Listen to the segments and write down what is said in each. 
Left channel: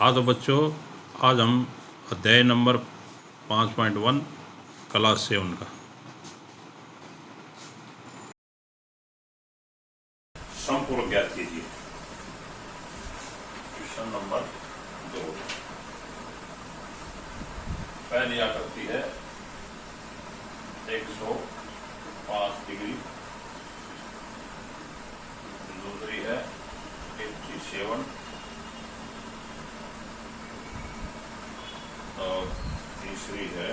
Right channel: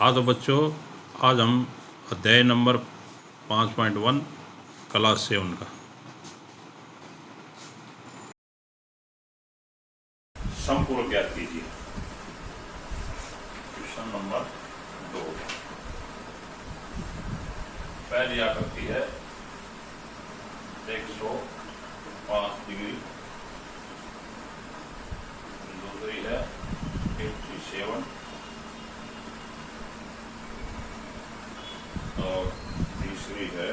हाँ तो बच्चों, आज हम अध्याय नंबर 5.1 क्लास 7 का संपूरक ज्ञात कीजिए। Question number 2। पहली आकृति है 105 डिग्री, दूसरी है 87 और तीसरी है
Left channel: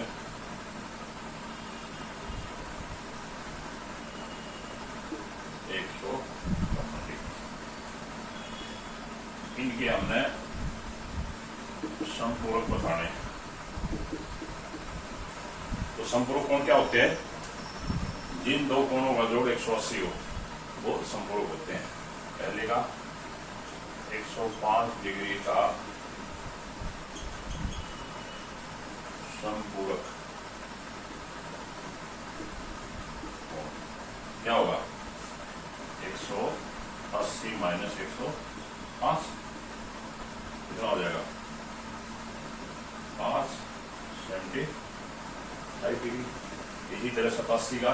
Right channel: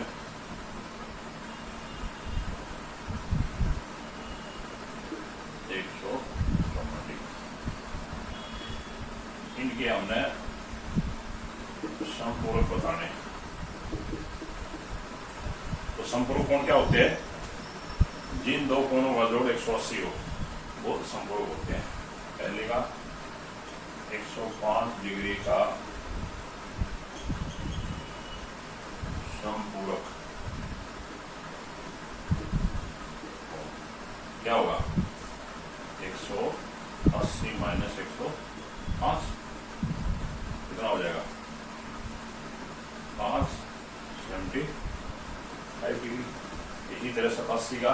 190। इनके हमने संपूरक बताने। तो संपूरक कोण क्या होते हैं? जिन दो कोणों का जोड़ 180 हो वो संपूरक होते हैं। पहले का 105 डिग्री का संपूरक क्या होगा? 180 माइनस 105 कितना हो जाएगा? 5 75 डिग्री। इसी तरह 87 का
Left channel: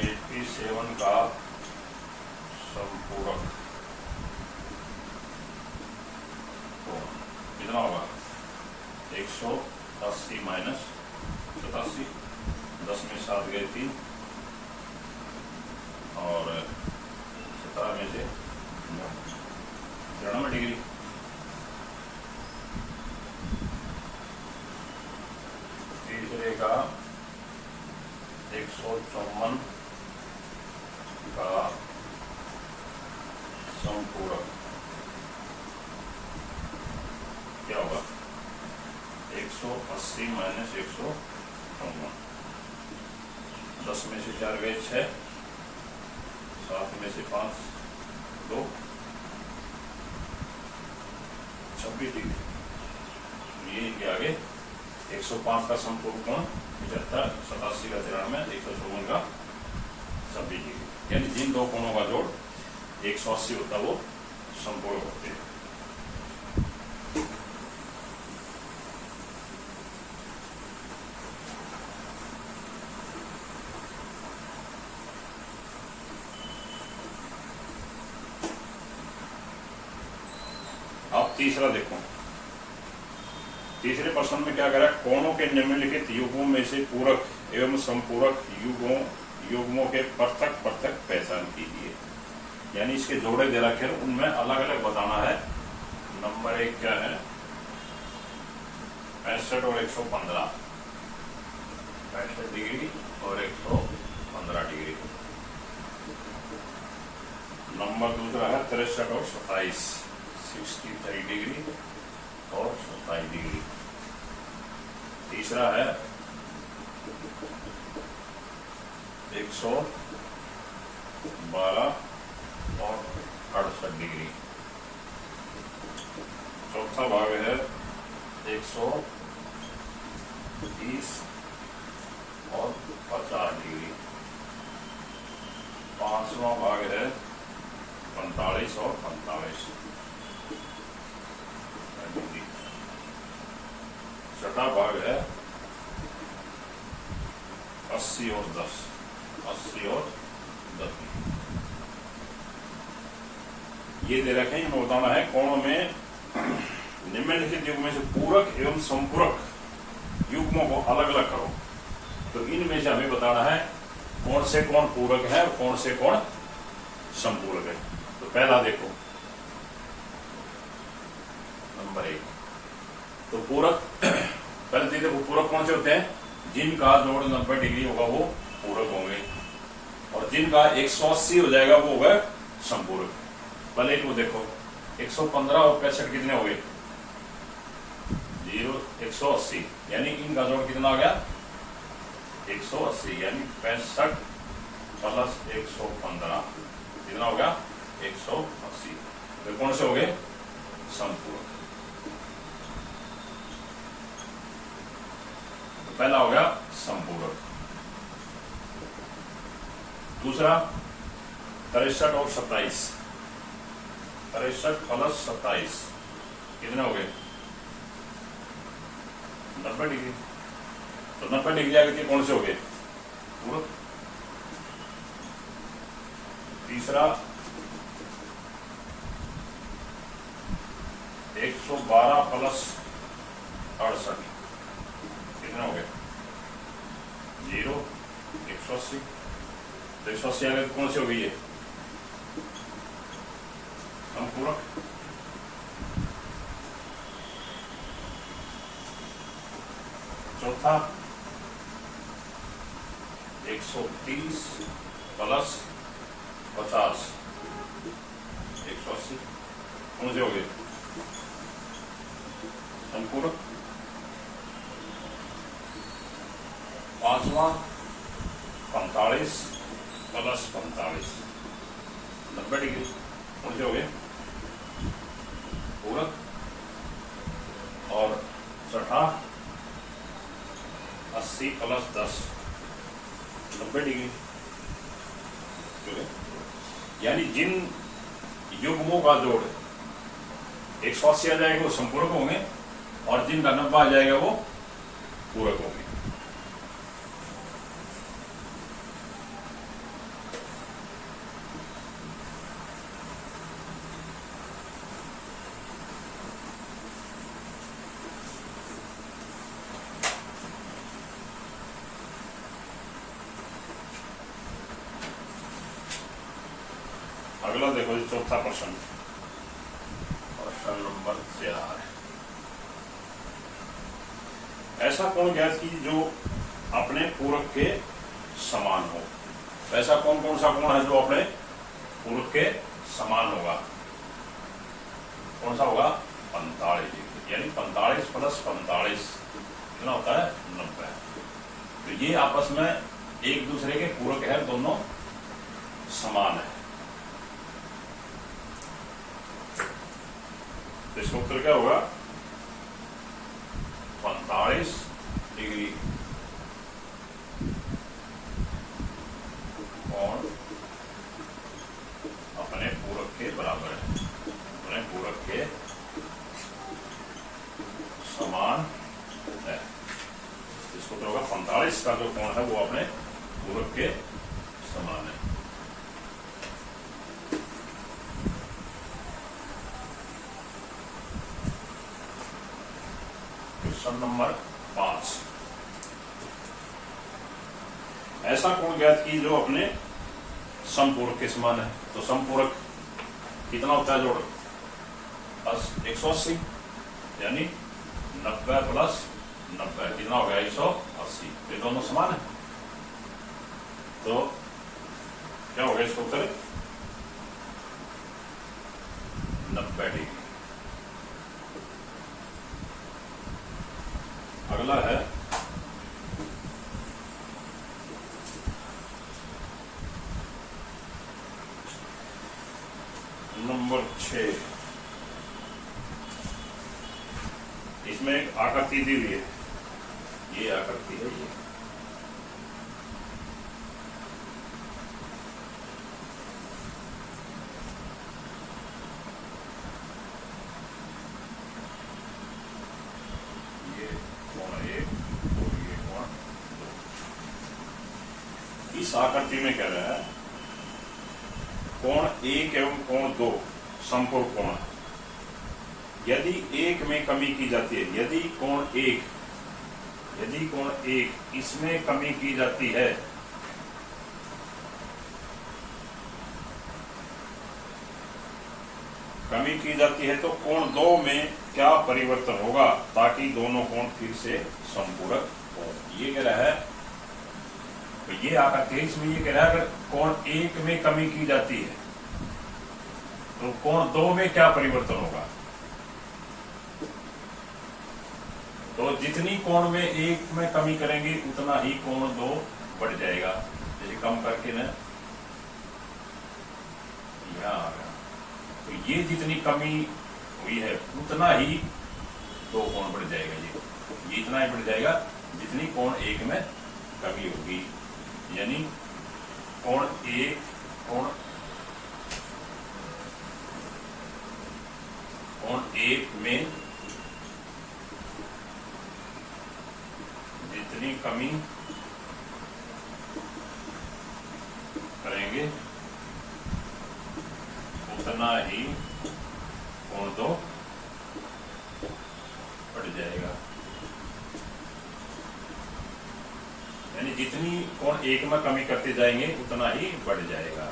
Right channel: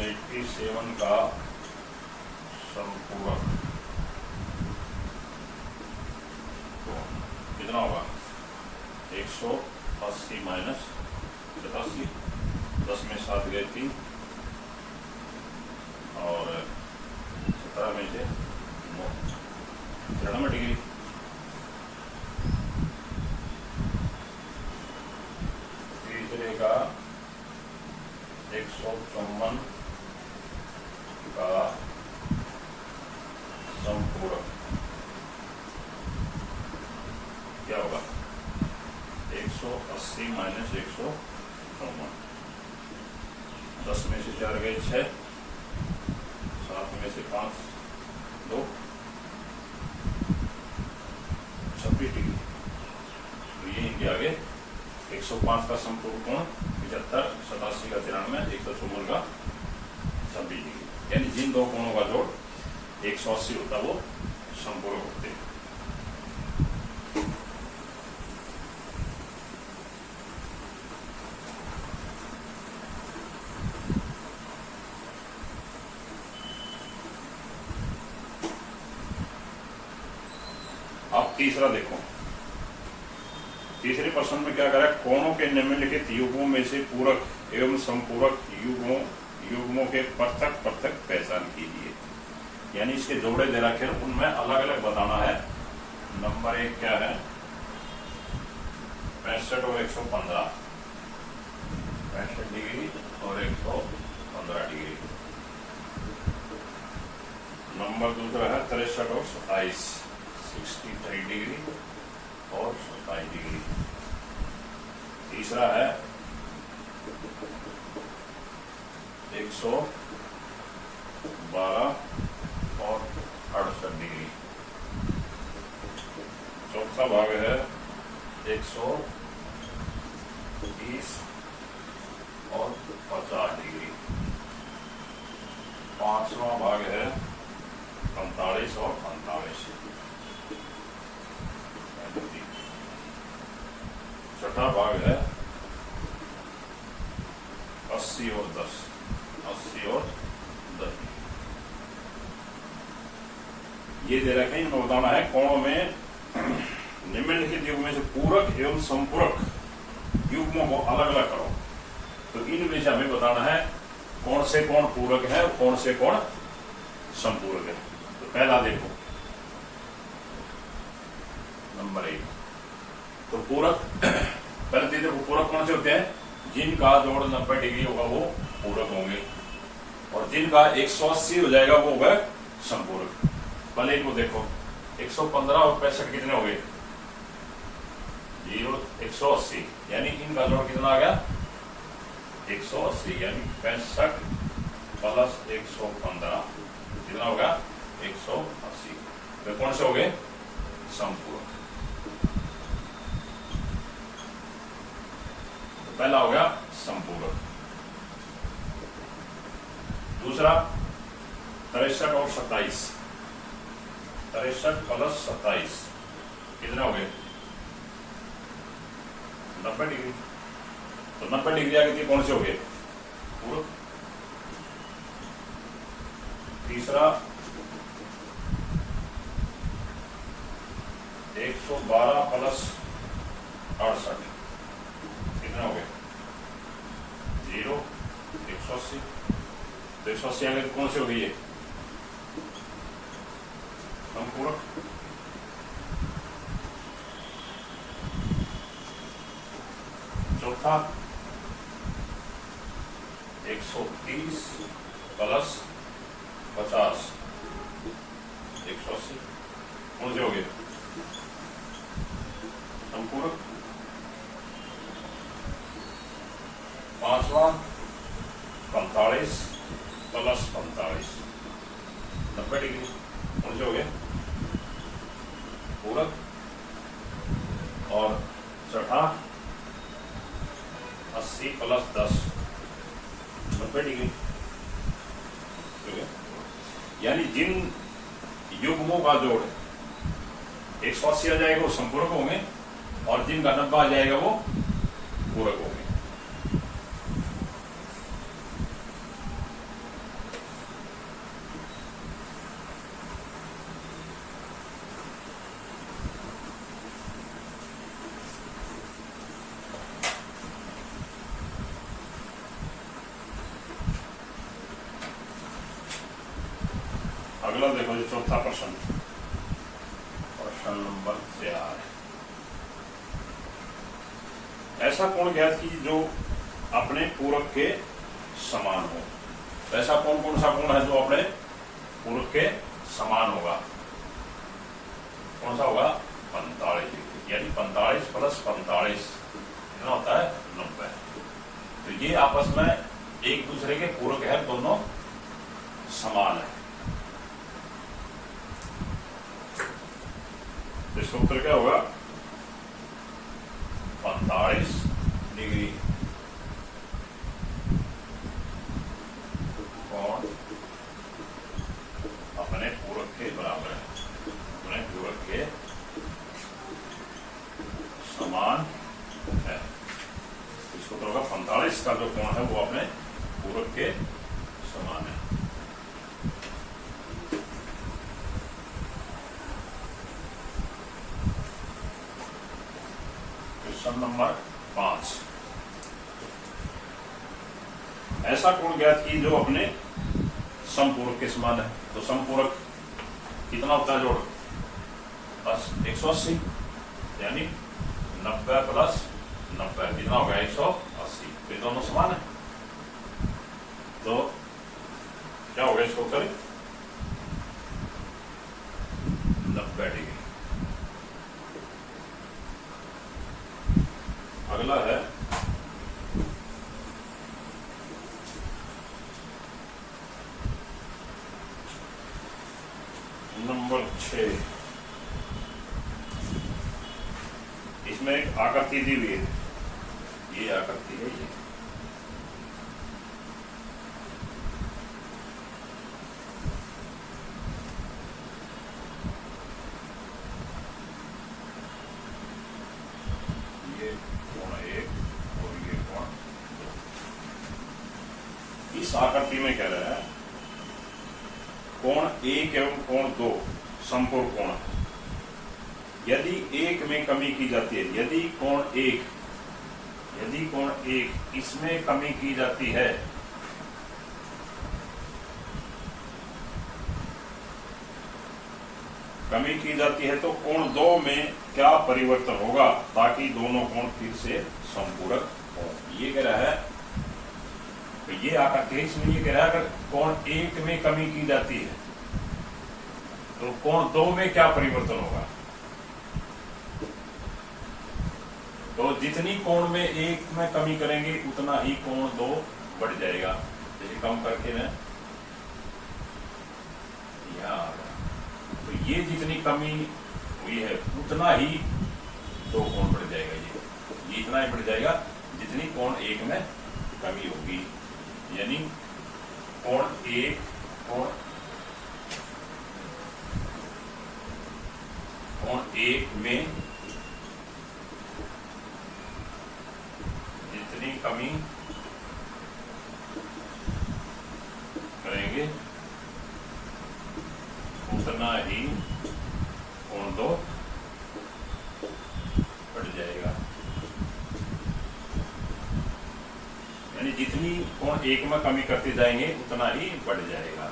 87 का संपूरक कितना होगा? 180 माइनस 87, 10 में 7 गए 3 और 17 में से 93 डिग्री। तीसरे का 154 का संपूरक क्या होगा? 180 माइनस 154, 10 में से 4 गए 6, 7 में से 5 2, 26 डिग्री। ये इनके आगे 105 का संपूरक कोण 75, 87 का 93, 154 का 26 डिग्री। यानी जिन दो कोणों का जोड़ 180 होता है वो संपूरक होते हैं। अब तीसरा देखो। तीसरे प्रश्न में क्या करा? कोणों के निम्नलिखित युग्मों में से पूरक एवं संपूरक युग्मों के पृथक पृथक पहचान कीजिए। यानी इसके जोड़े दे रखे हैं, उनमें अलग अलग बताना है। नंबर 1 क्या है? 65 और 115, 65 डिग्री और 115 डिग्री। नंबर दूसरा है 63 और 27, 63 डिग्री और 27 डिग्री। तीसरा है 112 और 68 डिग्री। चौथा भाग है 130 और 50 डिग्री। पांचवा भाग है 45 और 45। छठा भाग है 80 और 10, 80 और 10। ये दे रखे हैं। इनको बताना है कोणों में निम्नलिखित युग्म में से पूरक एवं संपूरक युग्मों को अलग अलग करो। तो इनमें से हमें बताना है कौन से कौन पूरक है और कौन से कौन संपूरक है। तो पहला देखो, नंबर 1 तो पूरक। पहले देखो पूरक कौन से होते हैं? जिनका जोड़ 90 डिग्री होगा वो पूरक होंगे, और जिनका 180 हो जाएगा वो होगा संपूरक। पहले इनको देखो, 115 और 65 कितने हो गए? 0, 180। यानी इनका जोड़ कितना आ गया? 180। यानी 65 प्लस 115 कितना होगा? 180। तो कौन से हो गए? संपूरक। पहला हो गया संपूरक। दूसरा 63 और 27, 63 प्लस 27 कितने हो गए? 90 डिग्री। तो 90 डिग्री आगे कौन से हो गए? पूरक। तीसरा 112 प्लस 68 कितने हो गए? 0। 180। तो 180 आगे कौन सी हो गई है? संपूरक। चौथा 130 प्लस 50 180 कौन से हो गए? संपूरक। पांचवा 45 प्लस 45 90 डिग्री कौन से हो गए? पूरक। और छठा 80 प्लस 10 90 डिग्री। यानी जिन युग्मों का जोड़ 180 आ जाएगा वो संपूरक होंगे और जिनका 90 आ जाएगा वो पूरक होंगे। अगला देखो जी चौथा प्रश्न, प्रश्न नंबर 4। ऐसा कोण ज्ञात कीजिए जो अपने पूरक के समान हो। ऐसा कौन कौन सा कोण है जो अपने पूरक के समान होगा? कौन सा होगा? 45 डिग्री। यानी 45 प्लस 45 कितना होता है? 90। तो ये आपस में एक दूसरे के पूरक है, दोनों समान है। तो इसका उत्तर क्या होगा? 45 डिग्री कोण अपने पूरक के बराबर है, अपने पूरक के समान है। इसको उत्तर होगा 45 का जो कोण है वो अपने पूरक के समान है। Question number 5। ऐसा कोण ज्ञात की जो अपने समपूरक के समान है। तो समपूरक कितना होता है जोड़? बस 180 यानी 90 प्लस 90 कितना हो गया? 180। तो ये दोनों समान है। तो क्या हो गया इसको उत्तर? 90 डिग्री। अगला है नंबर 6। इसमें एक आकृति दी हुई है, ये आकृति है। ये कोण 1 और ये कोण 2। इस आकृति में कह रहा है कोण 1 एवं कोण 2 समपूरक कोण है। यदि 1 में कमी की जाती है, यदि कोण 1 इसमें कमी की जाती है तो कोण 2 में क्या परिवर्तन होगा ताकि दोनों कोण फिर से समपूरक हो। ये कह रहा है, तो ये आकृति इसमें ये कह रहा है अगर कोण 1 में कमी की जाती है तो कोण 2 में क्या परिवर्तन होगा। तो जितनी कोण में 1 में कमी करेंगे उतना ही कोण 2 बढ़ जाएगा। जैसे कम करके ना यहां आ गया, तो ये जितनी कमी हुई है उतना ही 2 कोण बढ़ जाएगा। ये इतना ही बढ़ जाएगा जितनी कोण 1 में कमी होगी। यानी कोण 1 कोण कोण एक में जितनी कमी करेंगे उतना ही कोण दो बढ़ जाएगा। यानी जितनी कोण एक में कमी करते जाएंगे उतना ही बढ़ जाएगा।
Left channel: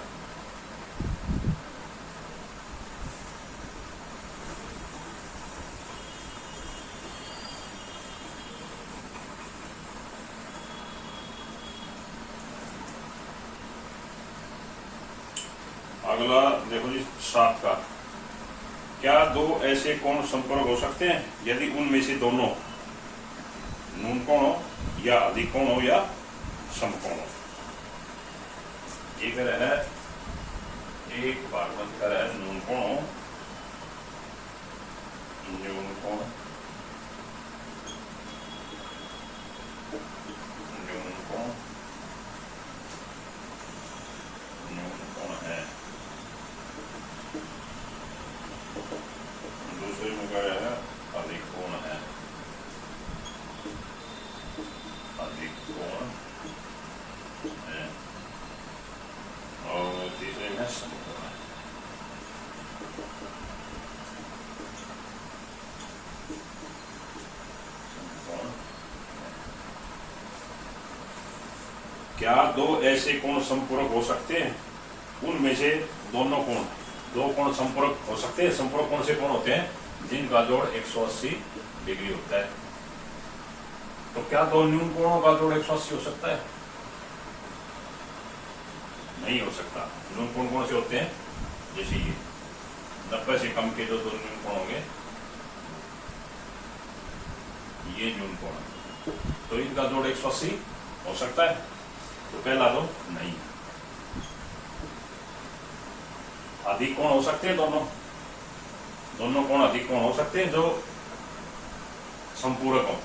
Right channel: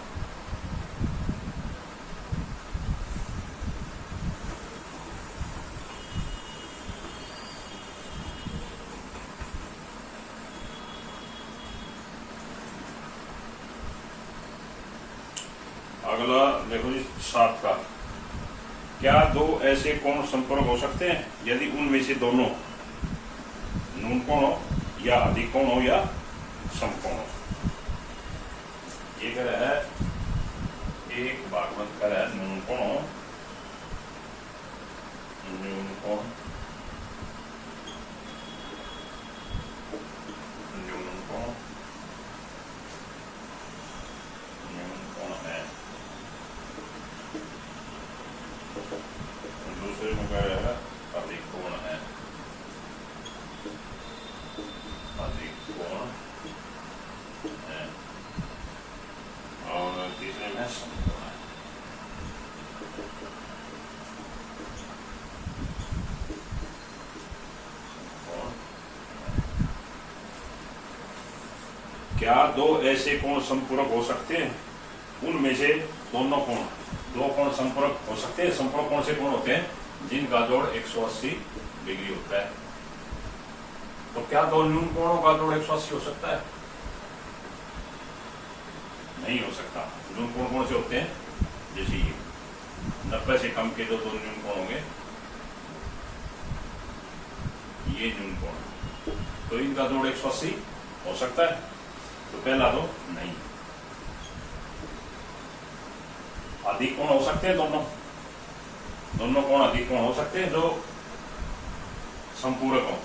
अगला देखो जी 7 का, क्या दो ऐसे कोण संपर्क हो सकते हैं यदि उनमें से दोनों न्यून कोण हो या अधिक कोण हो या समकोण हो। एक है एक भागवत कर है न्यून कोण हो, न्यून कोण न्यून कोण न्यून कोण है। दूसरे में क्या है अधिक कोण है, अधिक कोण है। और तीसरे में समकोण है। क्या दो ऐसे कोण संपूरक हो सकते हैं उनमें से दोनों कोण, दो कोण संपूरक हो सकते हैं। संपूरक कौन से कोण होते हैं जिनका जोड़ 180 डिग्री होता है। तो क्या दो न्यून कोणों का जोड़ 180 हो सकता है? नहीं हो सकता। न्यून कोण कौन से होते हैं? जैसे ये 90 से कम के जो दो न्यून कोण होंगे ये न्यून कोण, तो इनका जोड़ 180 हो सकता है। तो पहला दो नहीं। अधिक कोण हो सकते हैं दोनों, दोनों कोण अधिक कोण हो सकते हैं जो संपूरक हो।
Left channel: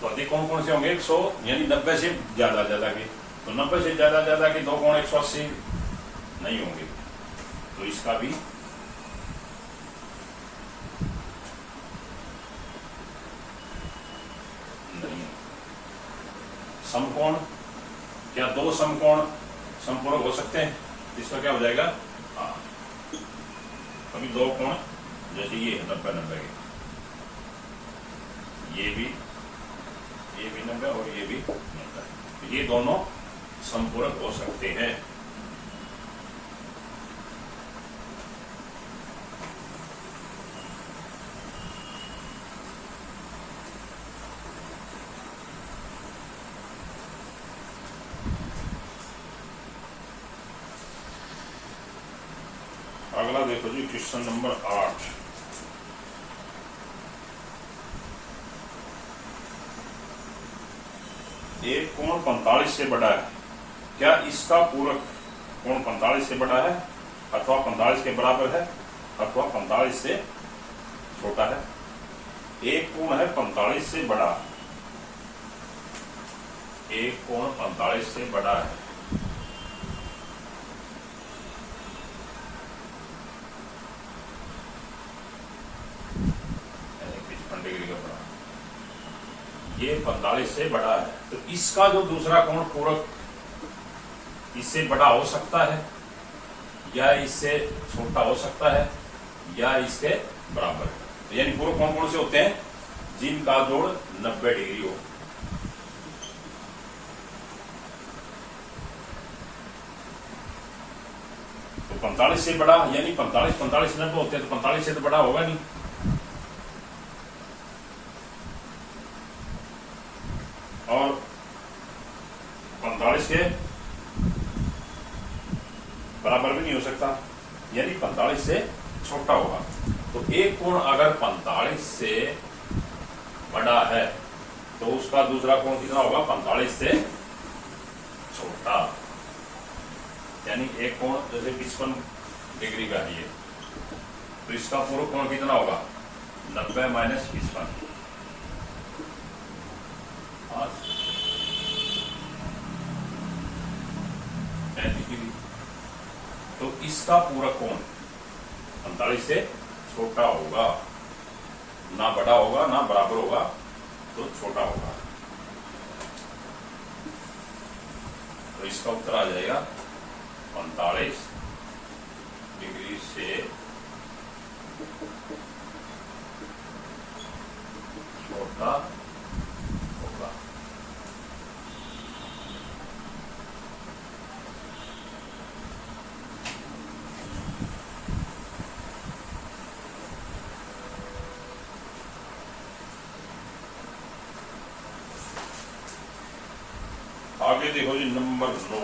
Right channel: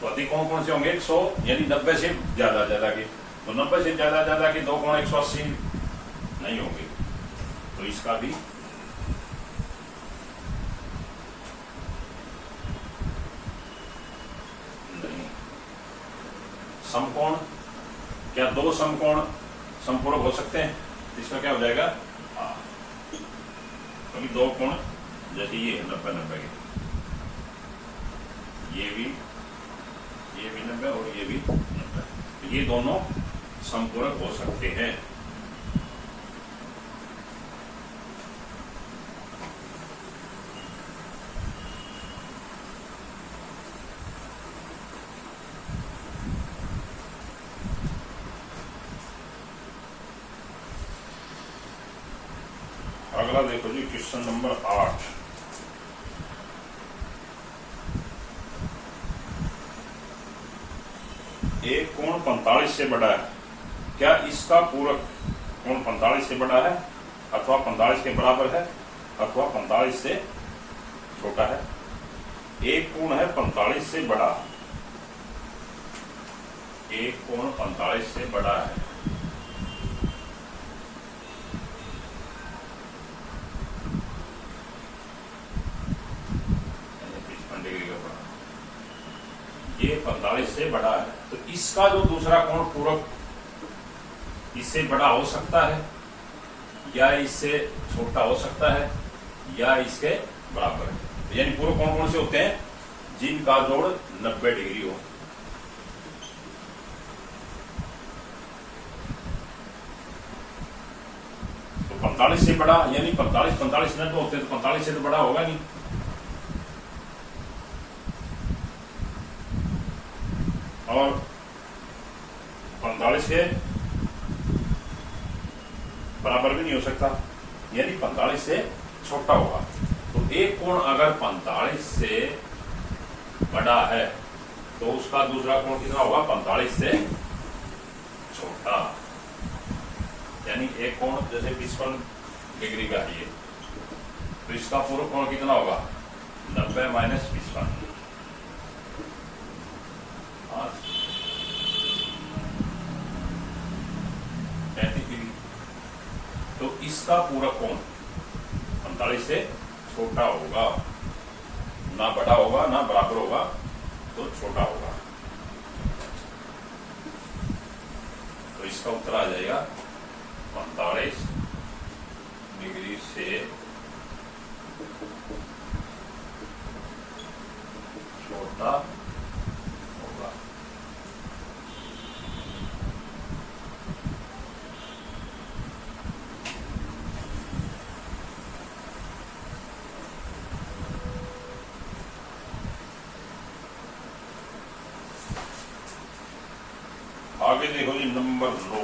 तो अधिक कोण कौन से होंगे 100 यानी 90 से ज्यादा ज्यादा के। तो 90 से ज्यादा ज्यादा के दो कोण 180 नहीं होंगे। तो इसका भी नहीं। समकोण, क्या दो समकोण संपूरक हो सकते हैं? इसका क्या हो जाएगा? कभी दो कोण जैसे ये 90-90 के, ये भी 90 और ये भी 90, ये दोनों संपूरक हो सकते हैं। अगला देखो जी क्वेश्चन नंबर 8। एक कोण 45 से बड़ा है, क्या इसका पूरक कोण 45 से बड़ा है अथवा 45 के बराबर है अथवा 45 से छोटा है? एक कोण है 45 से बड़ा, एक कोण 45 से बड़ा है, ये 45 से बड़ा है। तो इसका जो दूसरा कोण पूरक इससे बड़ा हो सकता है या इससे छोटा हो सकता है या इसके बराबर है। तो यानी पूरक कोण कौन से होते हैं? जिनका जोड़ 90 डिग्री हो। तो 45 से बड़ा यानी 45 90 होते हैं, तो 45 से तो बड़ा होगा नहीं। और 45 के बराबर भी नहीं हो सकता, यानी 45 से छोटा होगा। तो एक कोण अगर 45 से बड़ा है तो उसका दूसरा कोण कितना होगा? 45 से छोटा। यानी एक कोण जैसे 55 डिग्री का है ये, तो इसका पूरा कोण कितना होगा? 90 माइनस 55, 35 डिग्री। तो इसका पूरा कोण 45 से छोटा होगा, ना बड़ा होगा ना बराबर होगा, तो छोटा होगा। तो इसका उत्तर आ जाएगा 45 डिग्री से छोटा होगा। आगे देखो जी नंबर 9।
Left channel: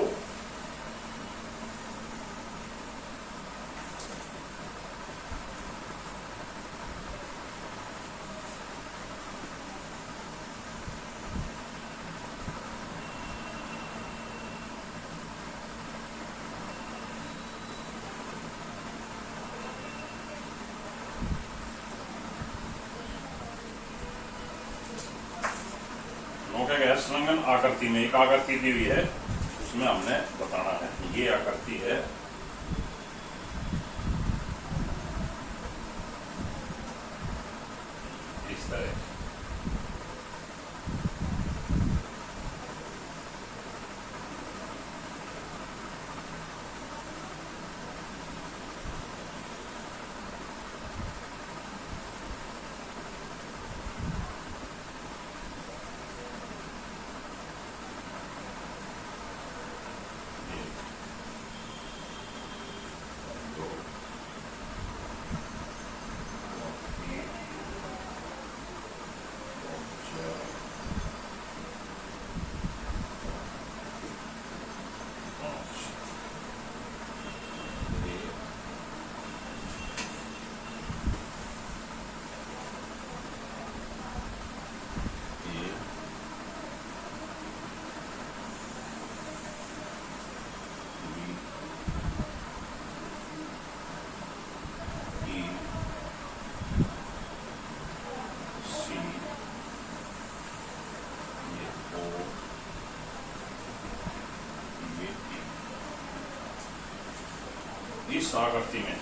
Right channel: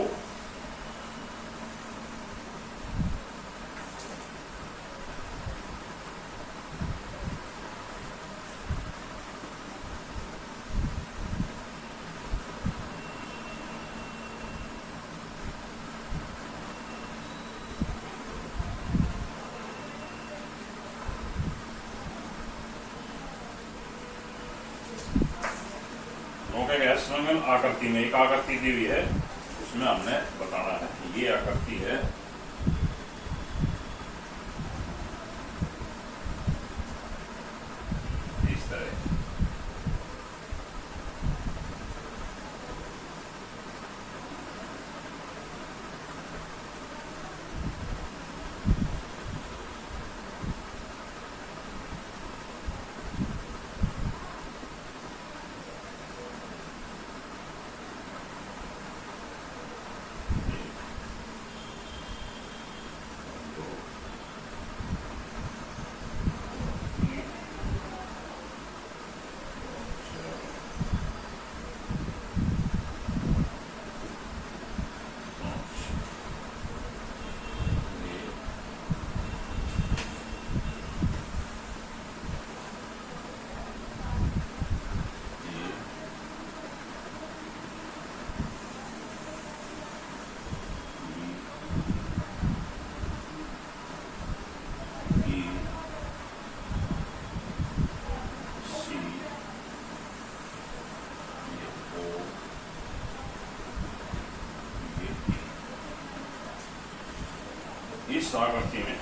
संलग्न आकृति में एक आकृति दी हुई है, उसमें हमने बताना है कि ये आकृति है इस तरह। इस आकृति में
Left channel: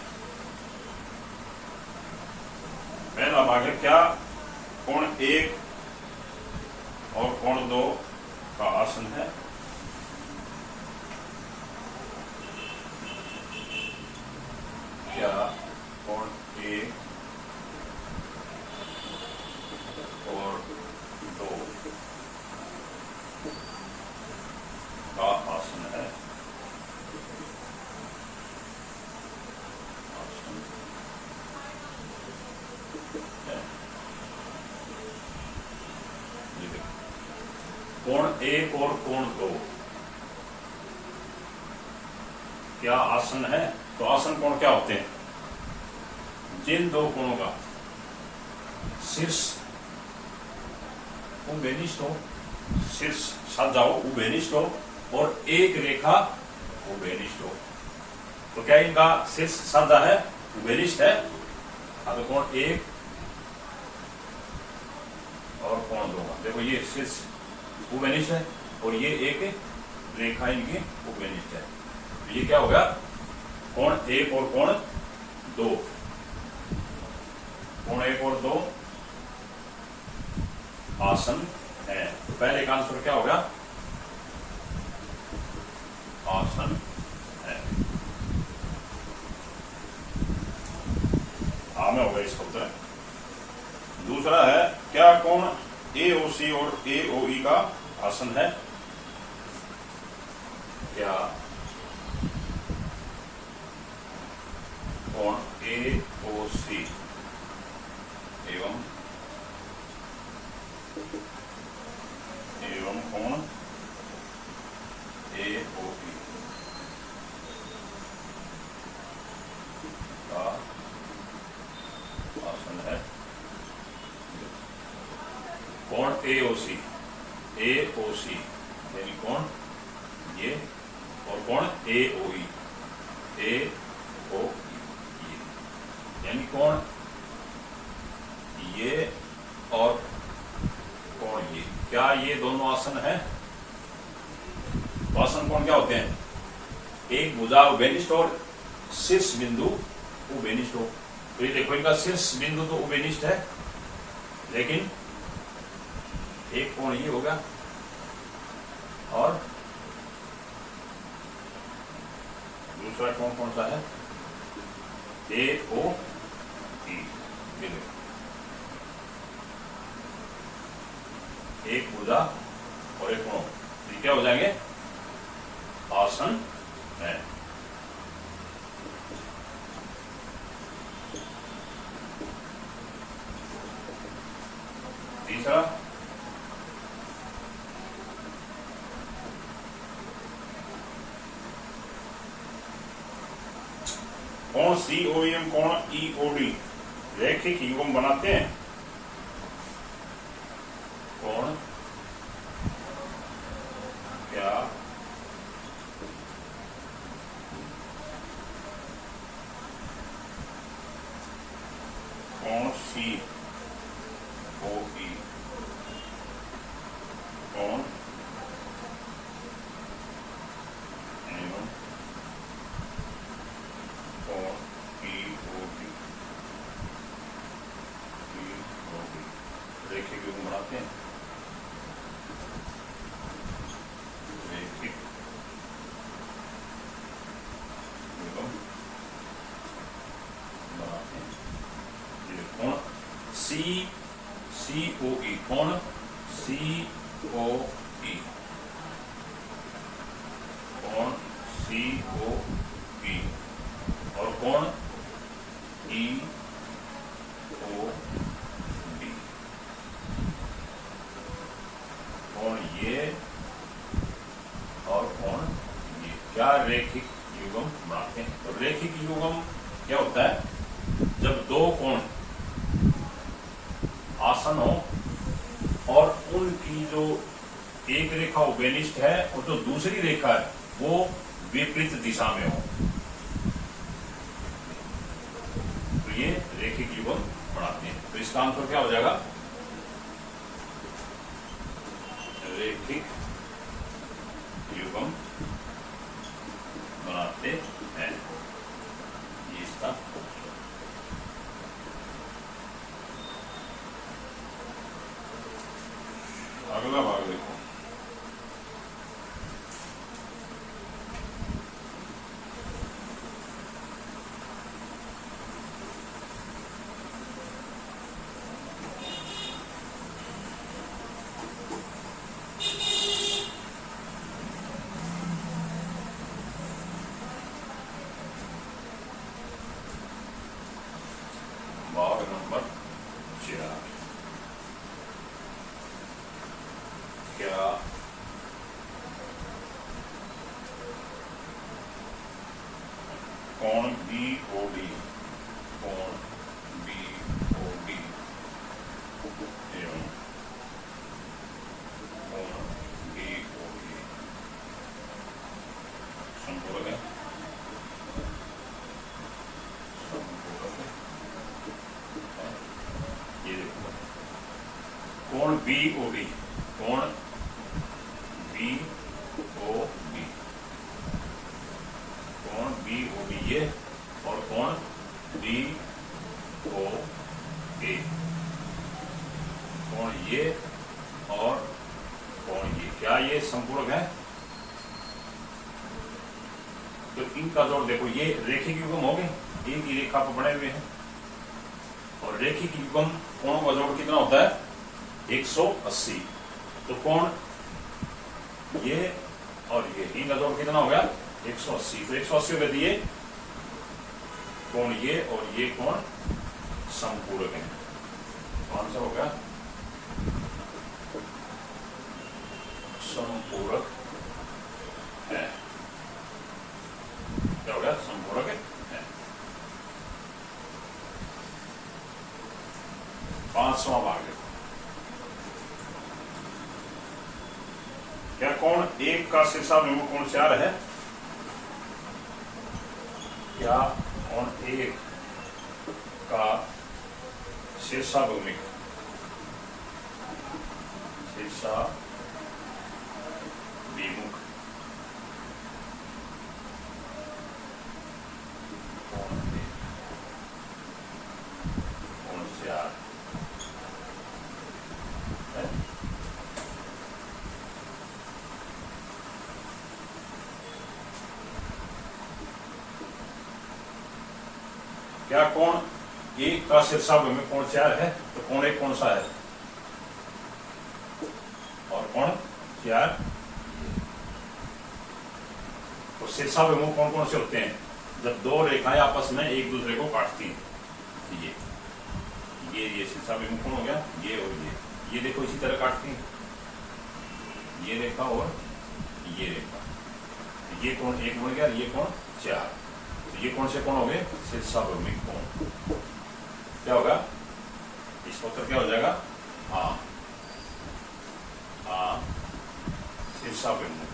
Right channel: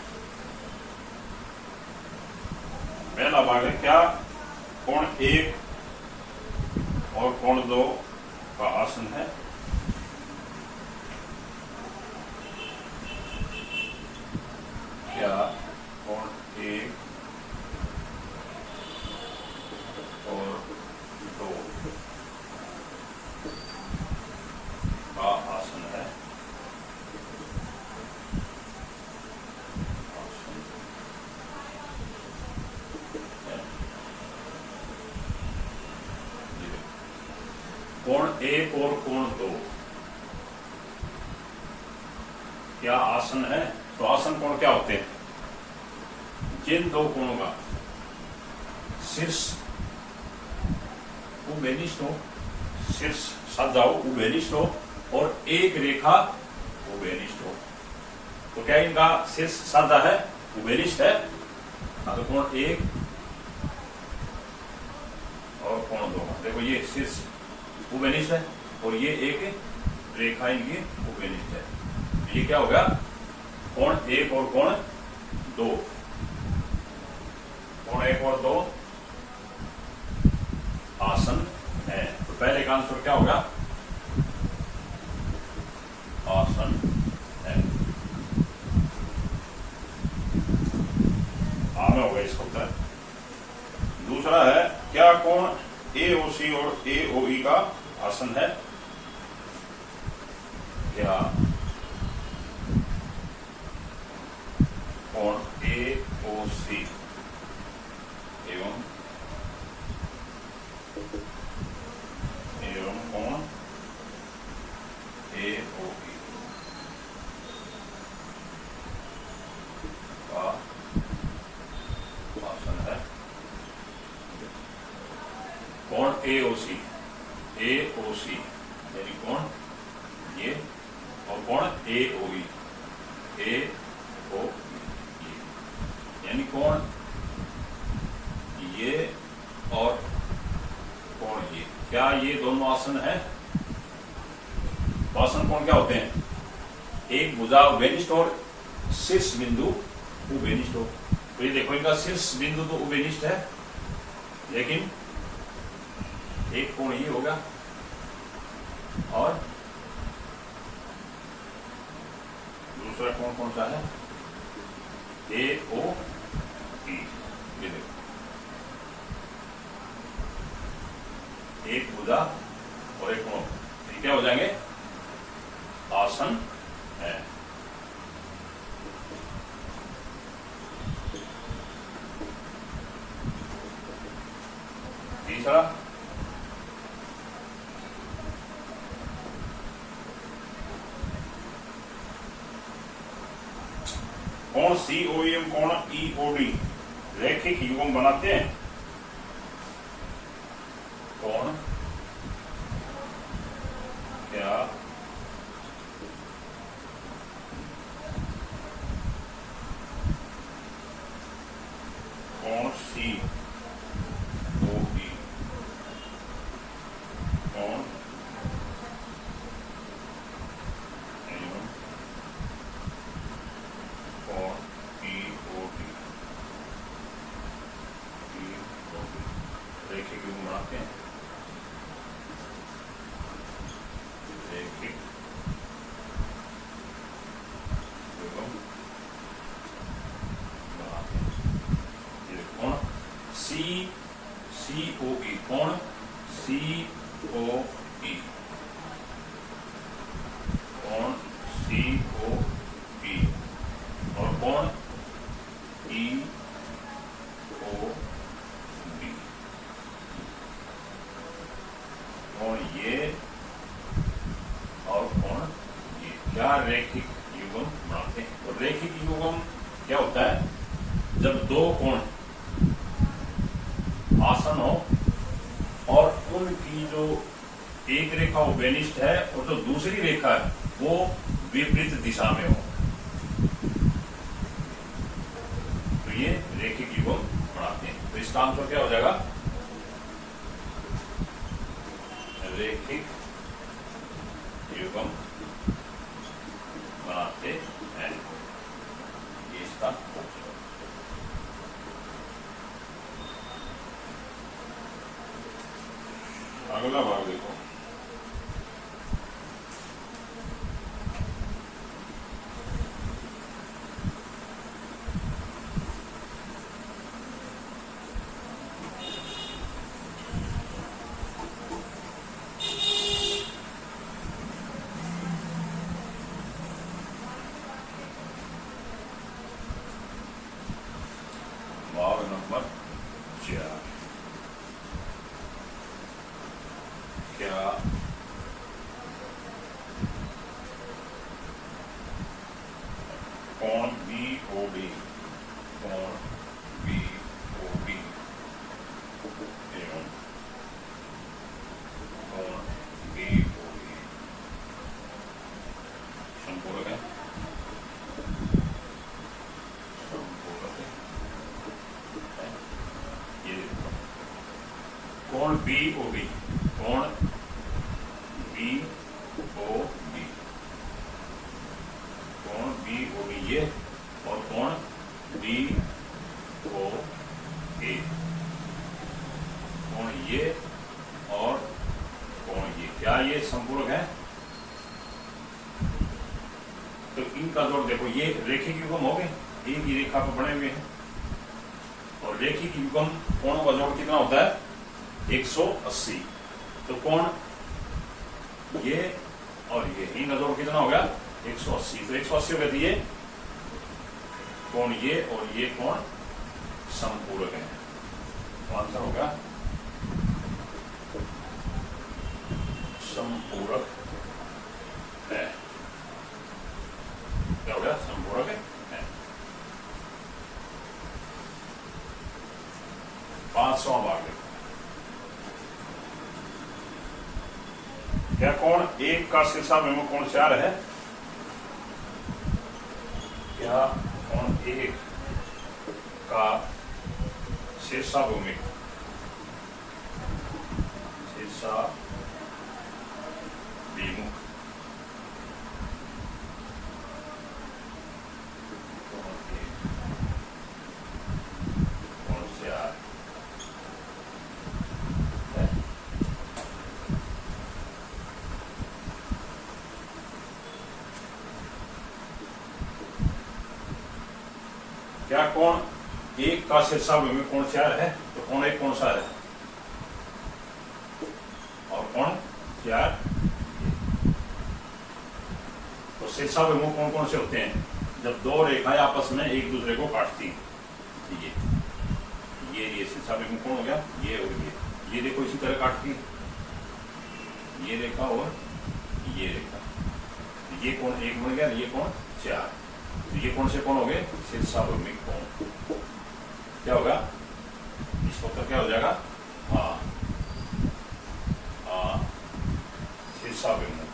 पहला भाग है क्या कोण 1 और कोण 2 का आसन है। क्या कोण 1 और 2 का आसन है। कोण 1 और कोण 2 क्या आसन है। तो आसन कोण क्या होते हैं, जिन दो कोणों का शीर्ष उभयनिष्ठ हो, शीर्ष साधा हो, उभयनिष्ठ हो और एक रेखा उभयनिष्ठ हो। तो क्या इनका शीर्ष साधा है, उभयनिष्ठ है। तो कोण 1 और कोण 2 का देखो ये शीर्ष उभयनिष्ठ है और ये एक रेखा इनकी उभयनिष्ठ है। ये क्या होगा, कोण 1 और कोण 2। कोण 1 और 2 आसन है। तो पहले का आंसर क्या होगा, आसन है। में होगा इसका उत्तर। दूसरा है क्या कोण AOC और AOE का आसन है। क्या कोण AOC एवं कोण AOE का आसन है। कोण AOC यानी कोण ये और कोण AOE यानी कोण ये और कोण ये। क्या ये दोनों आसन है। तो आसन कोण क्या होते हैं, एक भुजा उभयनिष्ठ और शीर्ष बिंदु उभयनिष्ठ हो। तो ये देखो इनका शीर्ष बिंदु तो उभयनिष्ठ है, लेकिन एक कोण ये होगा और दूसरा कोण कौन सा है, ए ओ ई। ये देखो एक भुजा और एक कोण, ये क्या हो जाएंगे, आसन है। तीसरा कोण COEM कोण EOD रैखिक युग्म बनाते हैं। कोण क्या कोण COE कोण एवं कोण EOD रैखिक युग्म बनाते हैं। रैखिक युग्म बनाते हैं। ये कोण COE कोण COE कोण COE और कोण EOD कोण ये और कोण ये, क्या रैखिक युग्म बनाते हैं। तो रैखिक युग्म क्या होता है, जब दो कोण आसन हो और उनकी जो एक रेखा उभयनिष्ठ है और जो दूसरी रेखा है वो विपरीत दिशा में हो, तो ये रैखिक युग्म बनाते हैं। तो इसका आंसर क्या हो जाएगा, रैखिक युग्म बनाते हैं। ये इसका अगला भाग देखो। भाग नंबर 4, क्या कोण BOD कोण BOD एवं कोण BOD संपूरक है। ये देखो कोण BOD कोण BOD कोण BOD ये और कोण BOA कोण ये और कोण ये, क्या ये संपूरक है। तो इनका जोड़ देखो, ये रैखिक युग्म हो गए, एक ही रेखा पर बने हुए हैं और रैखिक युग्म कोणों का जोड़ कितना होता है, 180। तो कोण ये और ये, इनका जोड़ कितना हो गया, 180। तो 180 हो गए, ये कोण ये और ये कोण संपूरक है। तो आंसर हो गया संपूरक है। क्या हो गया, संपूरक है। 5वां भाग देखो, क्या कोण 1 का शीर्षाभिमुख कोण 4 है। क्या कोण 1 का शीर्षाभिमुख क्या कोण एक का शीर्षाभिमुखी कोण 4 है, तो कोण एक कौन सा है, और कोण 4। तो शीर्षाभिमुख कौन कौन से होते हैं, जब दो रेखाएं आपस में एक दूसरे को काटती हैं। ये शीर्षाभिमुख कौन हो गया, ये और ये देखो इसी तरह काटती है, ये रेखा और ये रेखा, ये कोण एक बन गया, ये कोण 4। तो ये कौन से कोण हो गए, शीर्षाभिमुखी कोण। क्या होगा, इसका उत्तर क्या हो जाएगा, हाँ हाँ शीर्षाभिमुख।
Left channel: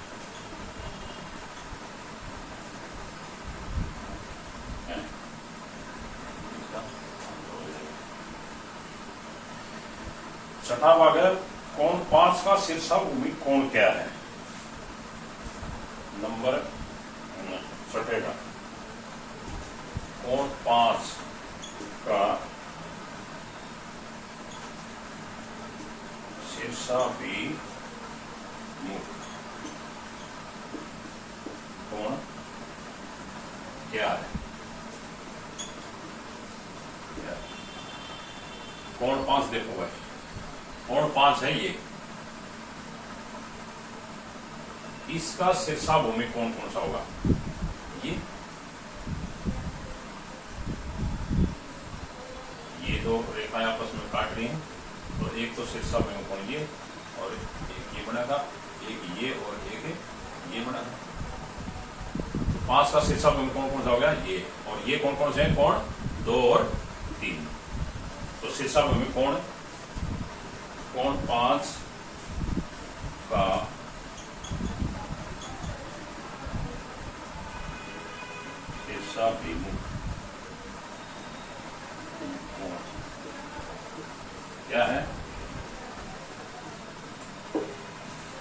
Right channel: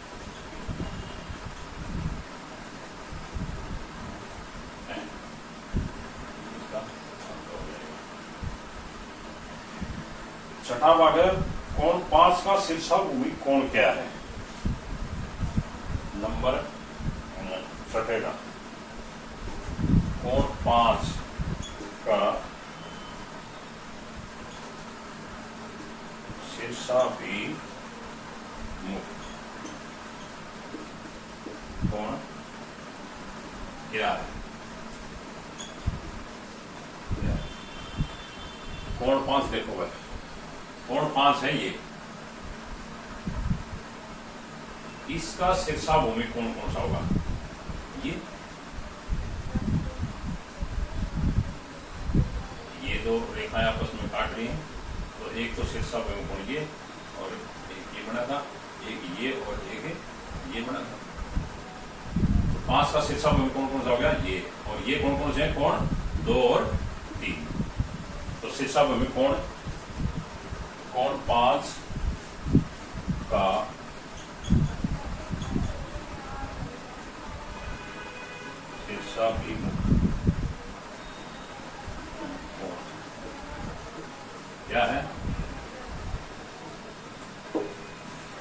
छठा भाग है, कोण 5 का शीर्षाभिमुखी कोण क्या है। नंबर छठे का कोण 5 का शीर्षाभिमुख कोण क्या है। कोण 5 देखो भाई, कोण 5 है ये, इसका शीर्षाभिमुखी कोण कौन सा होगा, ये दो रेखाएं आपस में काट रही हैं, तो एक तो शीर्षाभिमुखी कोण ये, और एक ये बना था, एक ये और एक ये बना था। तो 5 का शीर्षाभिमुखी कोण कौन सा हो गया, ये, और ये कौन कौन से हैं, कोण 2 और 3। तो शीर्षाभिमुखी कोण 5 का शीर्षाभिमुख क्या है,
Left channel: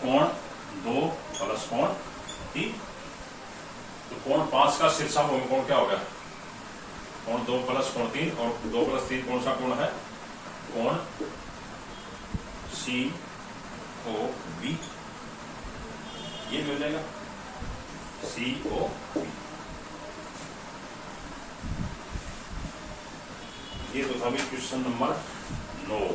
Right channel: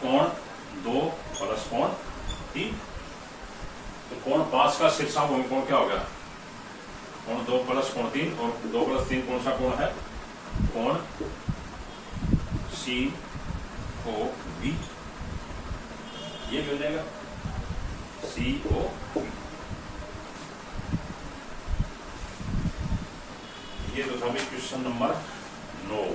कोण 2 प्लस कोण 3। तो कोण 5 का शीर्षाभिमुखी कोण क्या हो गया, कोण 2 प्लस कोण 3, और 2 प्लस 3 कौन सा कोण है, कोण COV, ये मिल जाएगा COV। ये तो था क्वेश्चन नंबर 9।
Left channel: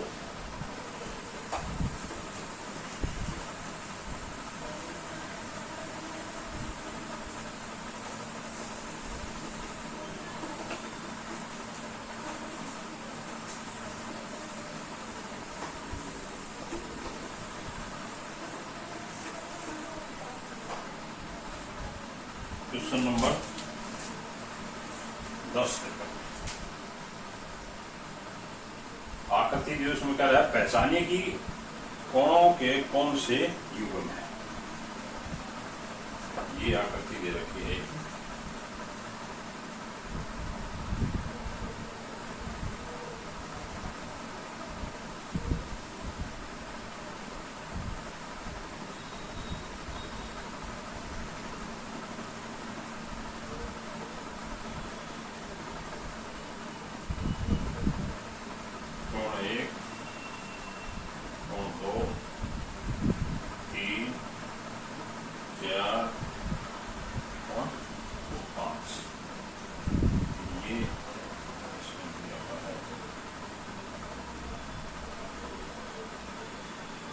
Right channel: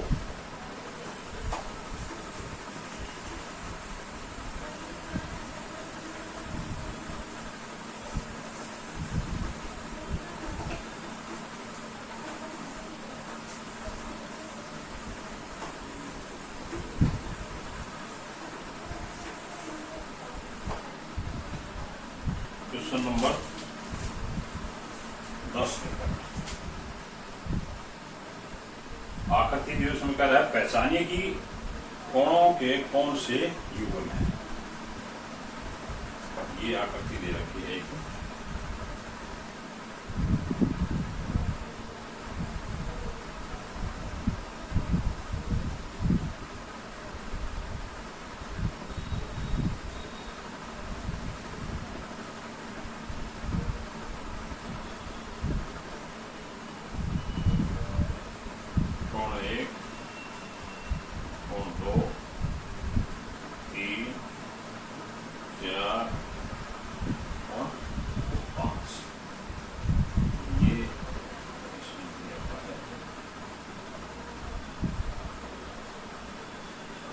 क्वेश्चन नंबर 10 आकृति दिवस में कह रहा है, पहचानिए कि कोणों के कौन से युग्म हैं। ये आकृति दे रखी है,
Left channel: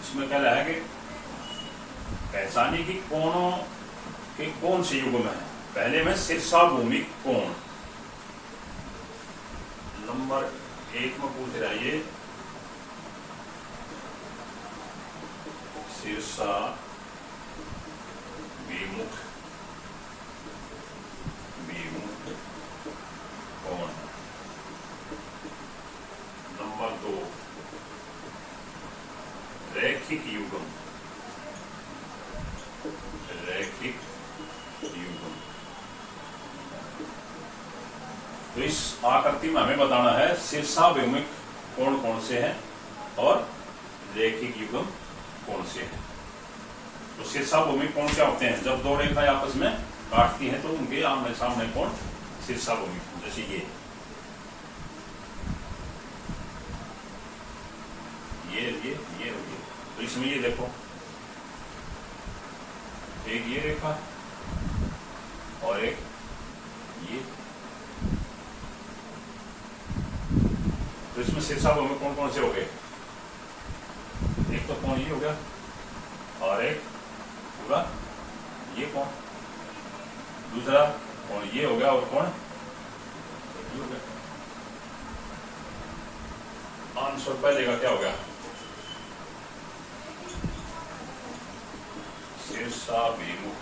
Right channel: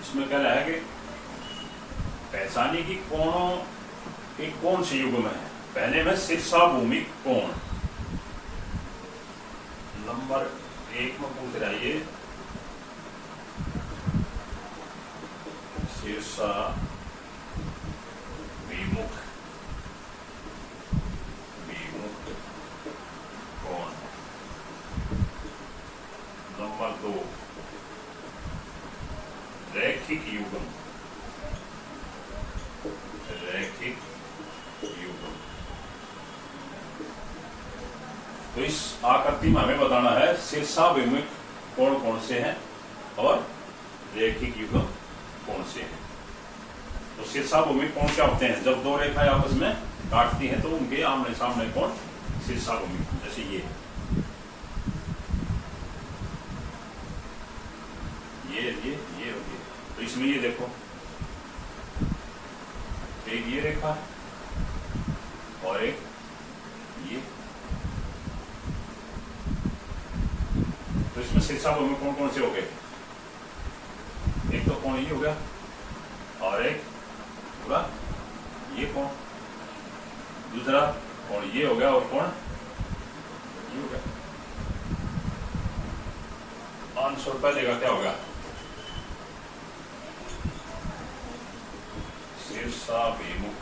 इसमें कह रहा है कि पहचानिए कि कोणों के कौन से युग्म है। पहले में शीर्षाभिमुखी कोण, नंबर 1 में पूछ रहा है ये शीर्षाभिमुख कोण। नंबर 2 रैखिक युग्म, तो इस आकृति में हमें बताना है शीर्षाभिमुख कोण कौन से हैं और रैखिक युग्म कौन से हैं। तो शीर्षाभिमुखी कोण क्या होते हैं, जब दो रेखाएं आपस में काटती हैं तो उनके आमने सामने कोण शीर्षाभिमुखी। जैसे ये होगी, तो इसमें ये देखो, एक ये रेखा और एक ये, तो इसमें शीर्षाभ में कौन कौन से हो गए? एक तो कोण ये हो गया और एक होगा ये कोण, दूसरा कोण ये हो गया और कोण ये हो गया। आंसर पहले का क्या हो गया? शीर्षाभिमुख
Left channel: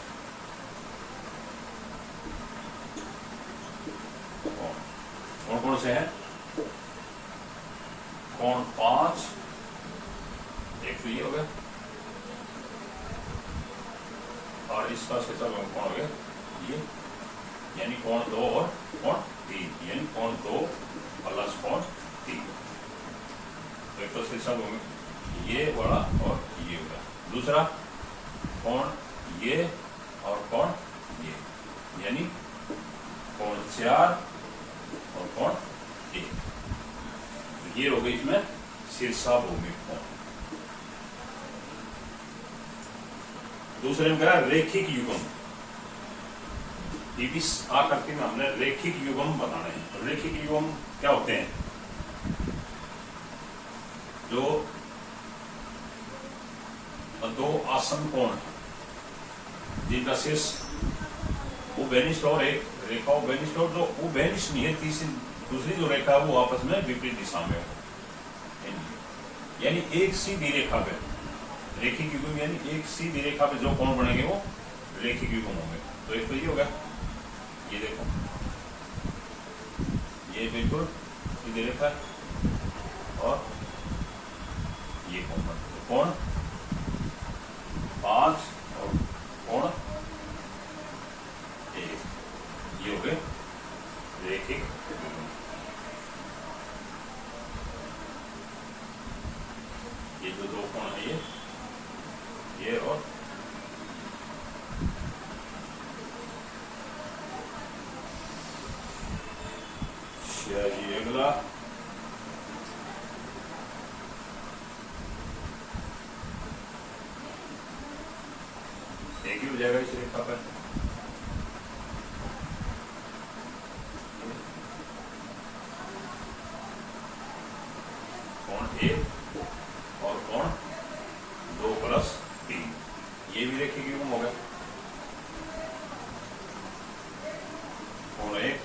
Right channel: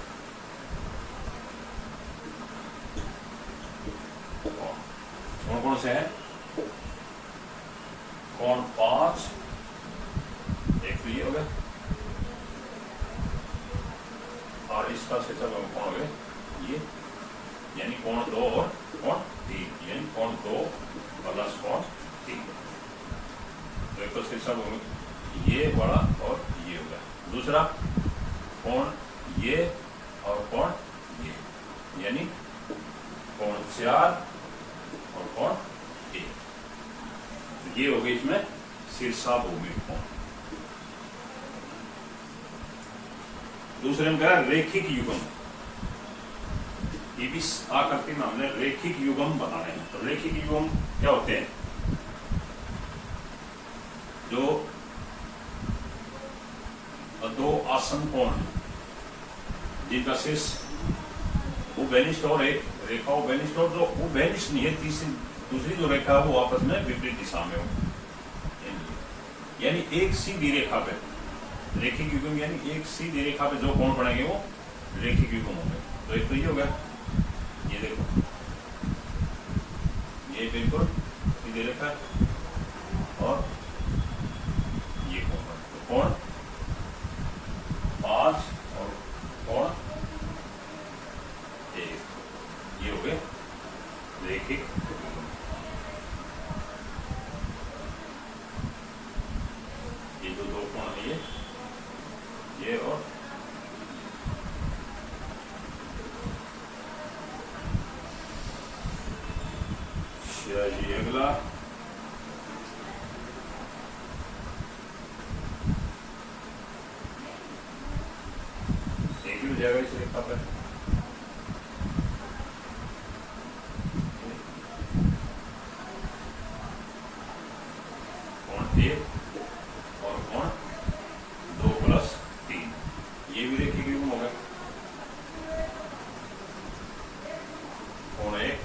कौन कौन से हैं? कोण 5, एक तो ये हो गया और इसका शीर्षाभिमुख कौन हो गया ये, यानी कोण 2 और कोण 3, यानी कोण 2 प्लस कोण 3। तो एक तो शीर्षाभिमुख ये बड़ा और ये होगा, दूसरा कोण ये और कोण ये, यानी कोण 4 और कोण 1। ये हो गई इसमें शीर्षाभिमुख कोण। दूसरे में कहा रेखिक युग्म। ये भी आकृति में हमने रेखिक युग्म बनाने हैं। तो रेखिक युग्म क्या होते हैं? जो दो आसन कोण है जिनका शीर्ष उभयनिष्ठ और एक रेखा उभयनिष्ठ, और जो उभयनिष्ठ नहीं है दूसरी जो रेखा है वो आपस में विपरीत दिशा में हो, यानी एक सीधी रेखा पे रेखिक युग्म, यानी एक सीधी रेखा पे जो कोण बनेंगे वो रेखिक युग्म होंगे। तो एक तो ये हो गया, ये देखो ये बिल्कुल सीधी रेखा है और ये कोण बने, तो कोण 5 और कोण 1, ये हो गए रेखिक युग्म। ये जो दो कोण है ये और जी अगला एक ही हो जाएगा इस रेखा पर। कोण 1 और कोण 2 प्लस 3, ये भी रेखिक युग्म हो गया। कोण 1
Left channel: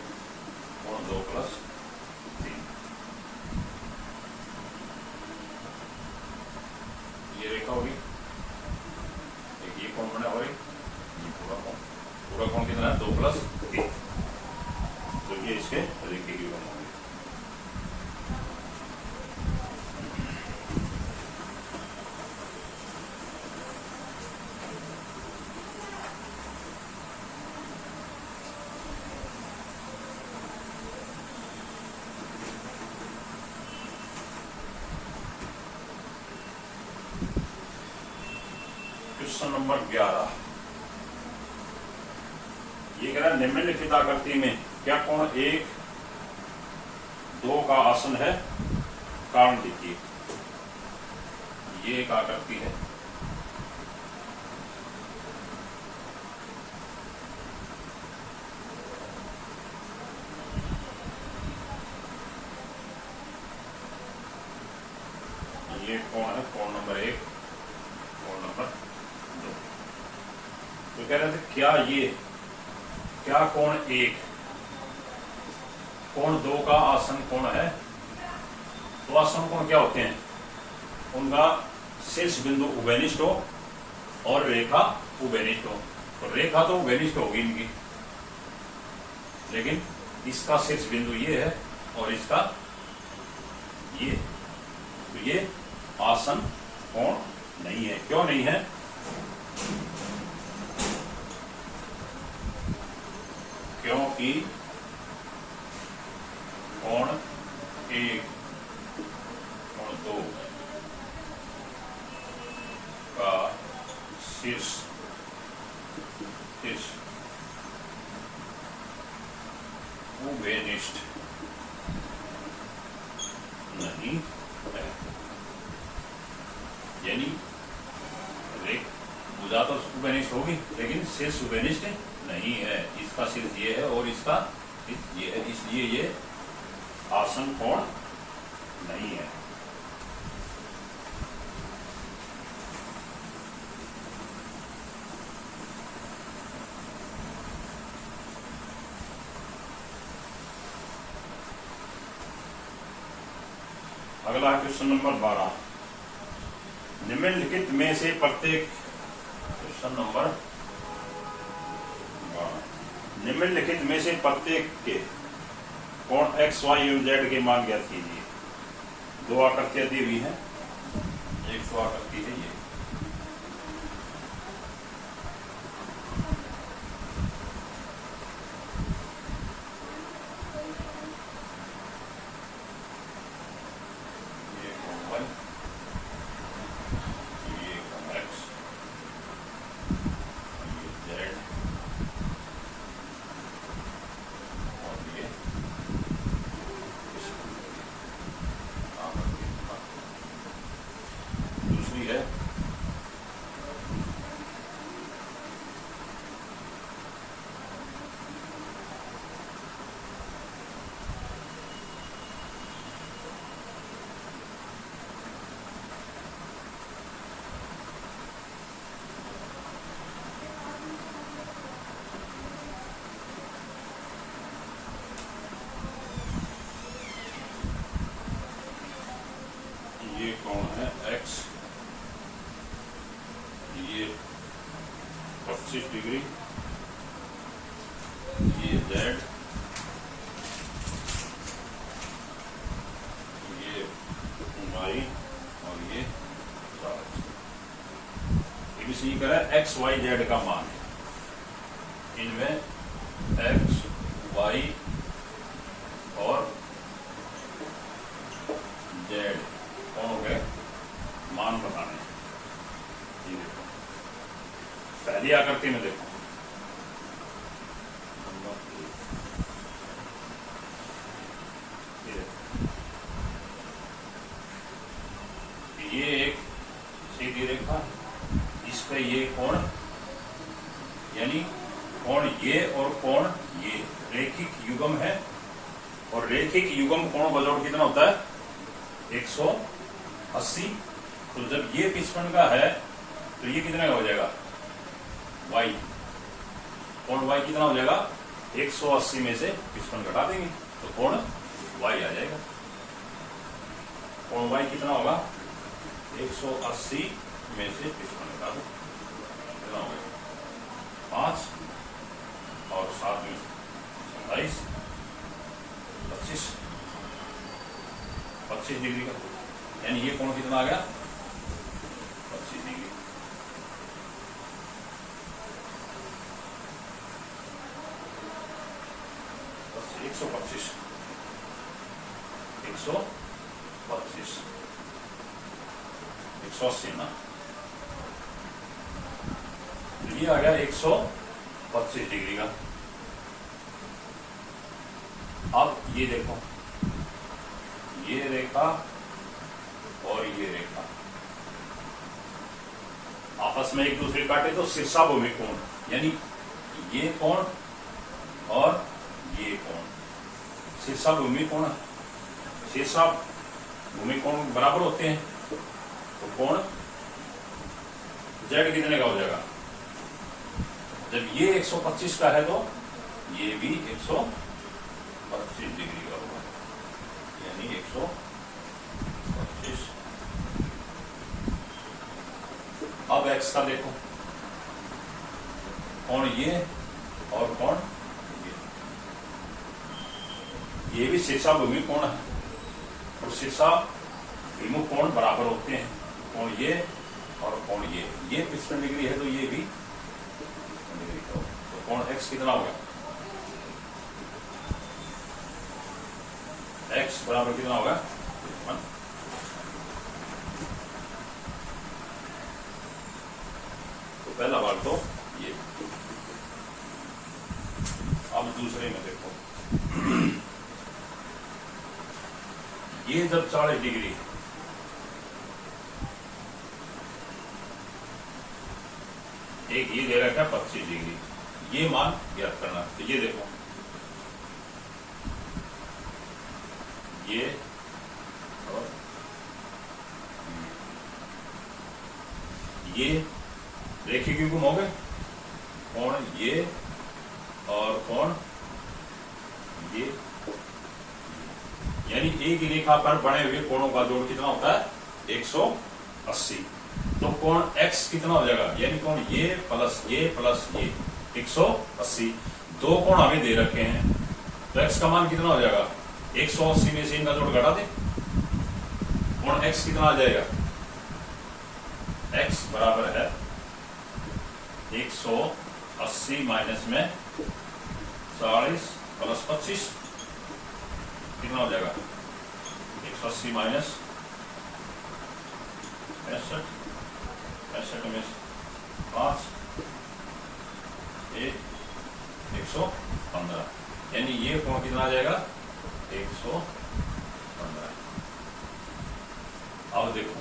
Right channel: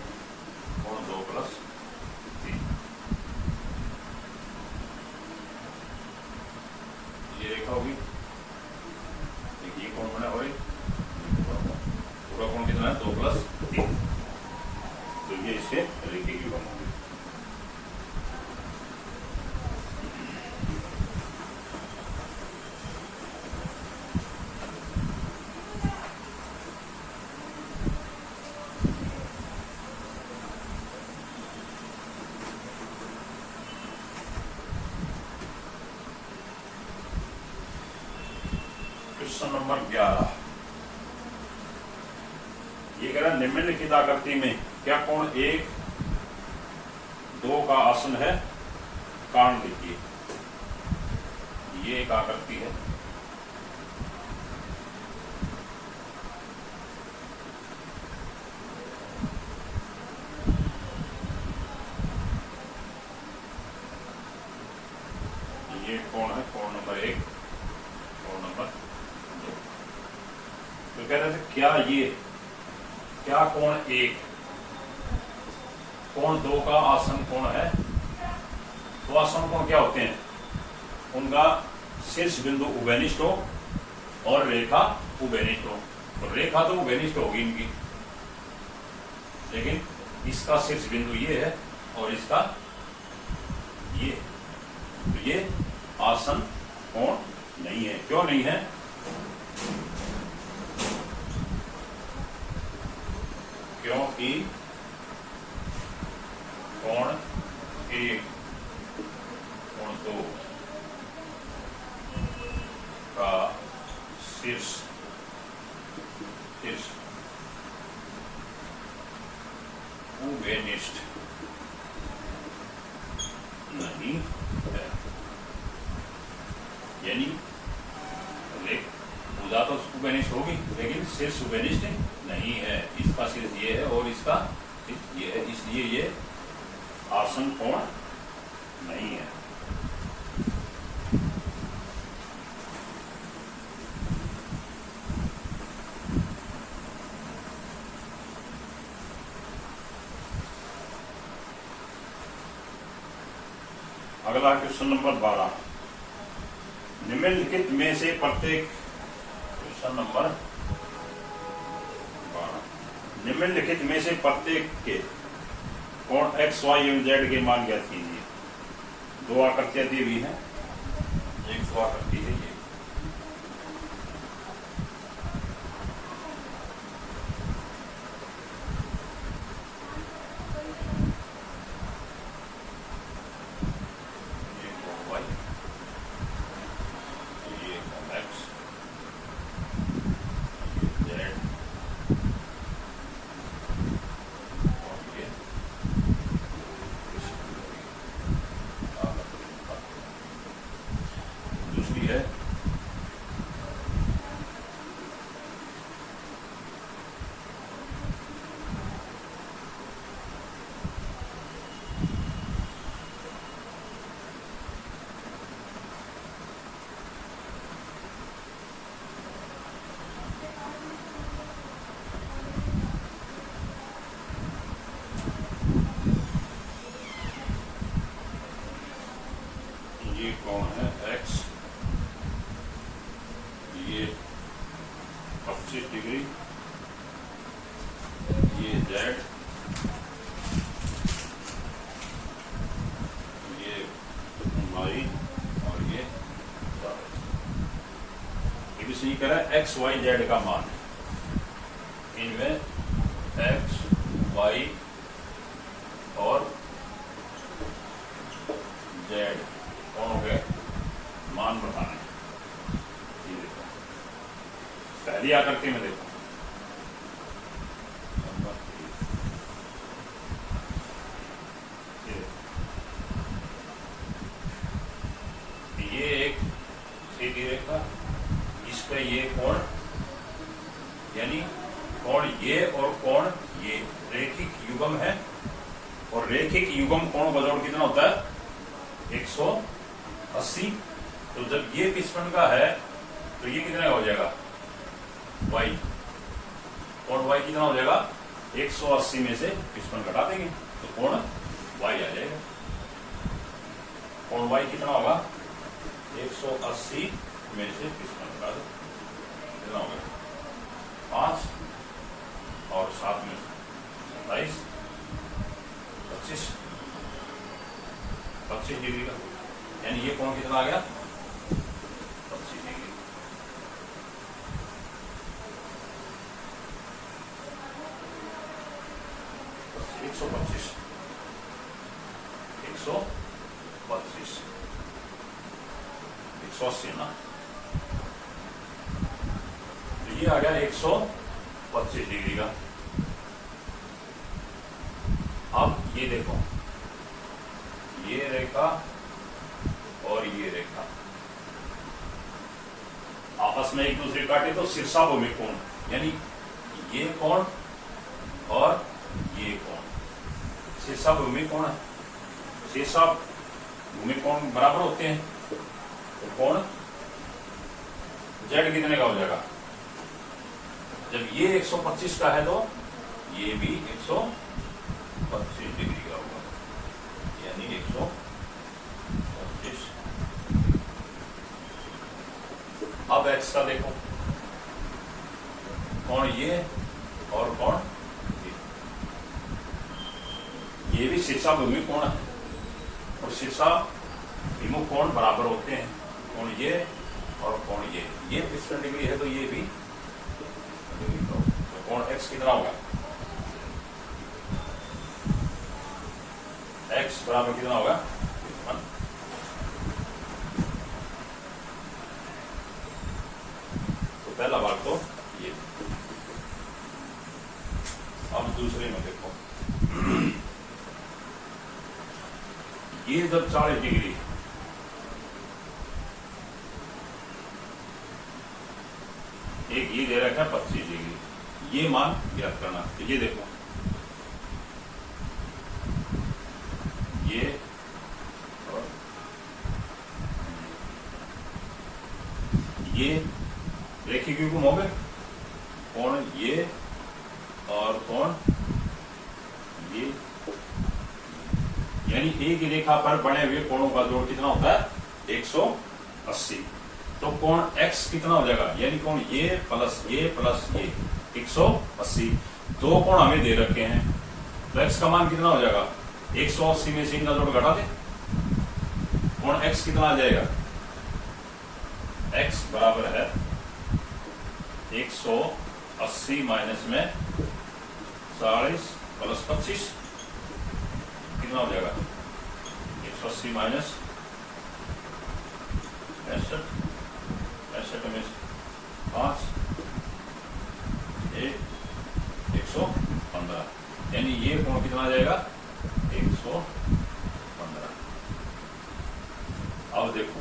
कोण 2 प्लस 3, ये रेखा होगी, एक ये कोण बना और एक पूरा कोण कितना है 2 प्लस 3, तो ये इसके रेखिक युग्म होंगे। क्वेश्चन नंबर 11, ये कह रहा है निम्नलिखित आकृति में क्या कोण 1, 2 का आसन है? कारण देखिए, ये एक आकृति है, ये कोण है कोण नंबर 1, कोण नंबर 2। तो कह रहे थे क्या कोण 1 कोण 2 का आसन कोण है? तो आसन कोण क्या होते हैं? उनका शीर्ष बिंदु उभयनिष्ठ हो और रेखा उभयनिष्ठ हो। तो रेखा तो उभयनिष्ठ होगी इनकी, लेकिन इसका शीर्ष बिंदु ये है और इसका ये, तो ये आसन कोण नहीं है। क्यों नहीं है? क्योंकि कोण 1 कोण 2 का शीर्ष उभयनिष्ठ नहीं है, यानी भुजा तो उभयनिष्ठ होगी लेकिन शीर्ष उभयनिष्ठ नहीं है। इसका शीर्ष ये है और इसका ये है, इसलिए ये आसन कोण नहीं है। अगला क्वेश्चन नंबर 12, निम्नलिखित में से प्रत्येक, क्वेश्चन नंबर 12, निम्नलिखित में से प्रत्येक के कोण एक्स वाई एवं जेड के मान ज्ञात कीजिए। दो आकृतियां दी हुई हैं, एक तो आकृति है ये, दूसरी है ये कौन है एक्स, ये 25 डिग्री, ये जेड, ये वाई और ये भी सही करा। एक्स वाई जेड का मान, इनमें एक्स वाई और जेड कौन हो गए, मान बताना है। ये देखो पहली आकृति में देखो, ये एक सीधी रेखा, इसका ये कोण, यानी कोण ये और कोण ये रेखिक युग्म है, और रेखिक युग्म कोण का जोड़ कितना होता है 180। तो जब ये 55 का है तो ये कितने का हो जाएगा y, कोण y कितना हो जाएगा 180 में से 55 घटा देंगे तो कोण y आ जाएगा। कोण y कितना होगा 180 में से 55 घटा दो, कितना हो गया 5 और 7 में 27, 25 डिग्री का, यानी ये कोण कितना आ गया 25 डिग्री। एक सौ पच्चीस 180 ना, तो ये आ गया 125 डिग्री का। अब ये देखो, ये रेखा और ये रेखा आपस में एक दूसरे काटे तो शीर्षाभूमि कोण, यानी ये कोण और ये कोण शीर्षाभूमि कोण है, शीर्षाभूमि कोण बराबर होते हैं। तो कोण जेड कितने का हो जाएगा, जब ये 125 का है तो ये भी 125 डिग्री का होगा, यानी 125। अब एक्स का देखो, कोण ये और कोण ये भी शीर्षाभिमुख कोण है, और शीर्षाभिमुख कोण बराबर होते हैं। कोण ये और कोण ये 55 डिग्री है तो ये भी 55 डिग्री का, तो कोण एक्स कितना होगा, एक्स बराबर कितना होगा 55। तो पहला भाग तो ये। अब दूसरे में देखो, ये जब 40 डिग्री, एक ये दे रखा है 25 डिग्री, ये मान ज्ञात करना। तो ये देखो, ये ये रेखिक युग्म हो गए, कोण ये और कोण ये, यानी एक रेखा पर बने हुए कोणों का जोड़ कितना होता है 180। तो कोण x कितना हो जाएगा, यानी कोण ये प्लस ये 180। दो कोण हमें दे रखे हैं, तो x का मान कितना हो जाएगा 180 में से इनका जोड़ घटा दे, कोण x कितना आ जाएगा, x बराबर है 180 माइनस में 40 प्लस 25, कितना हो जाएगा 180 माइनस 65 में 5 115, यानी ये कोण कितना आ जाएगा 115। अब देखो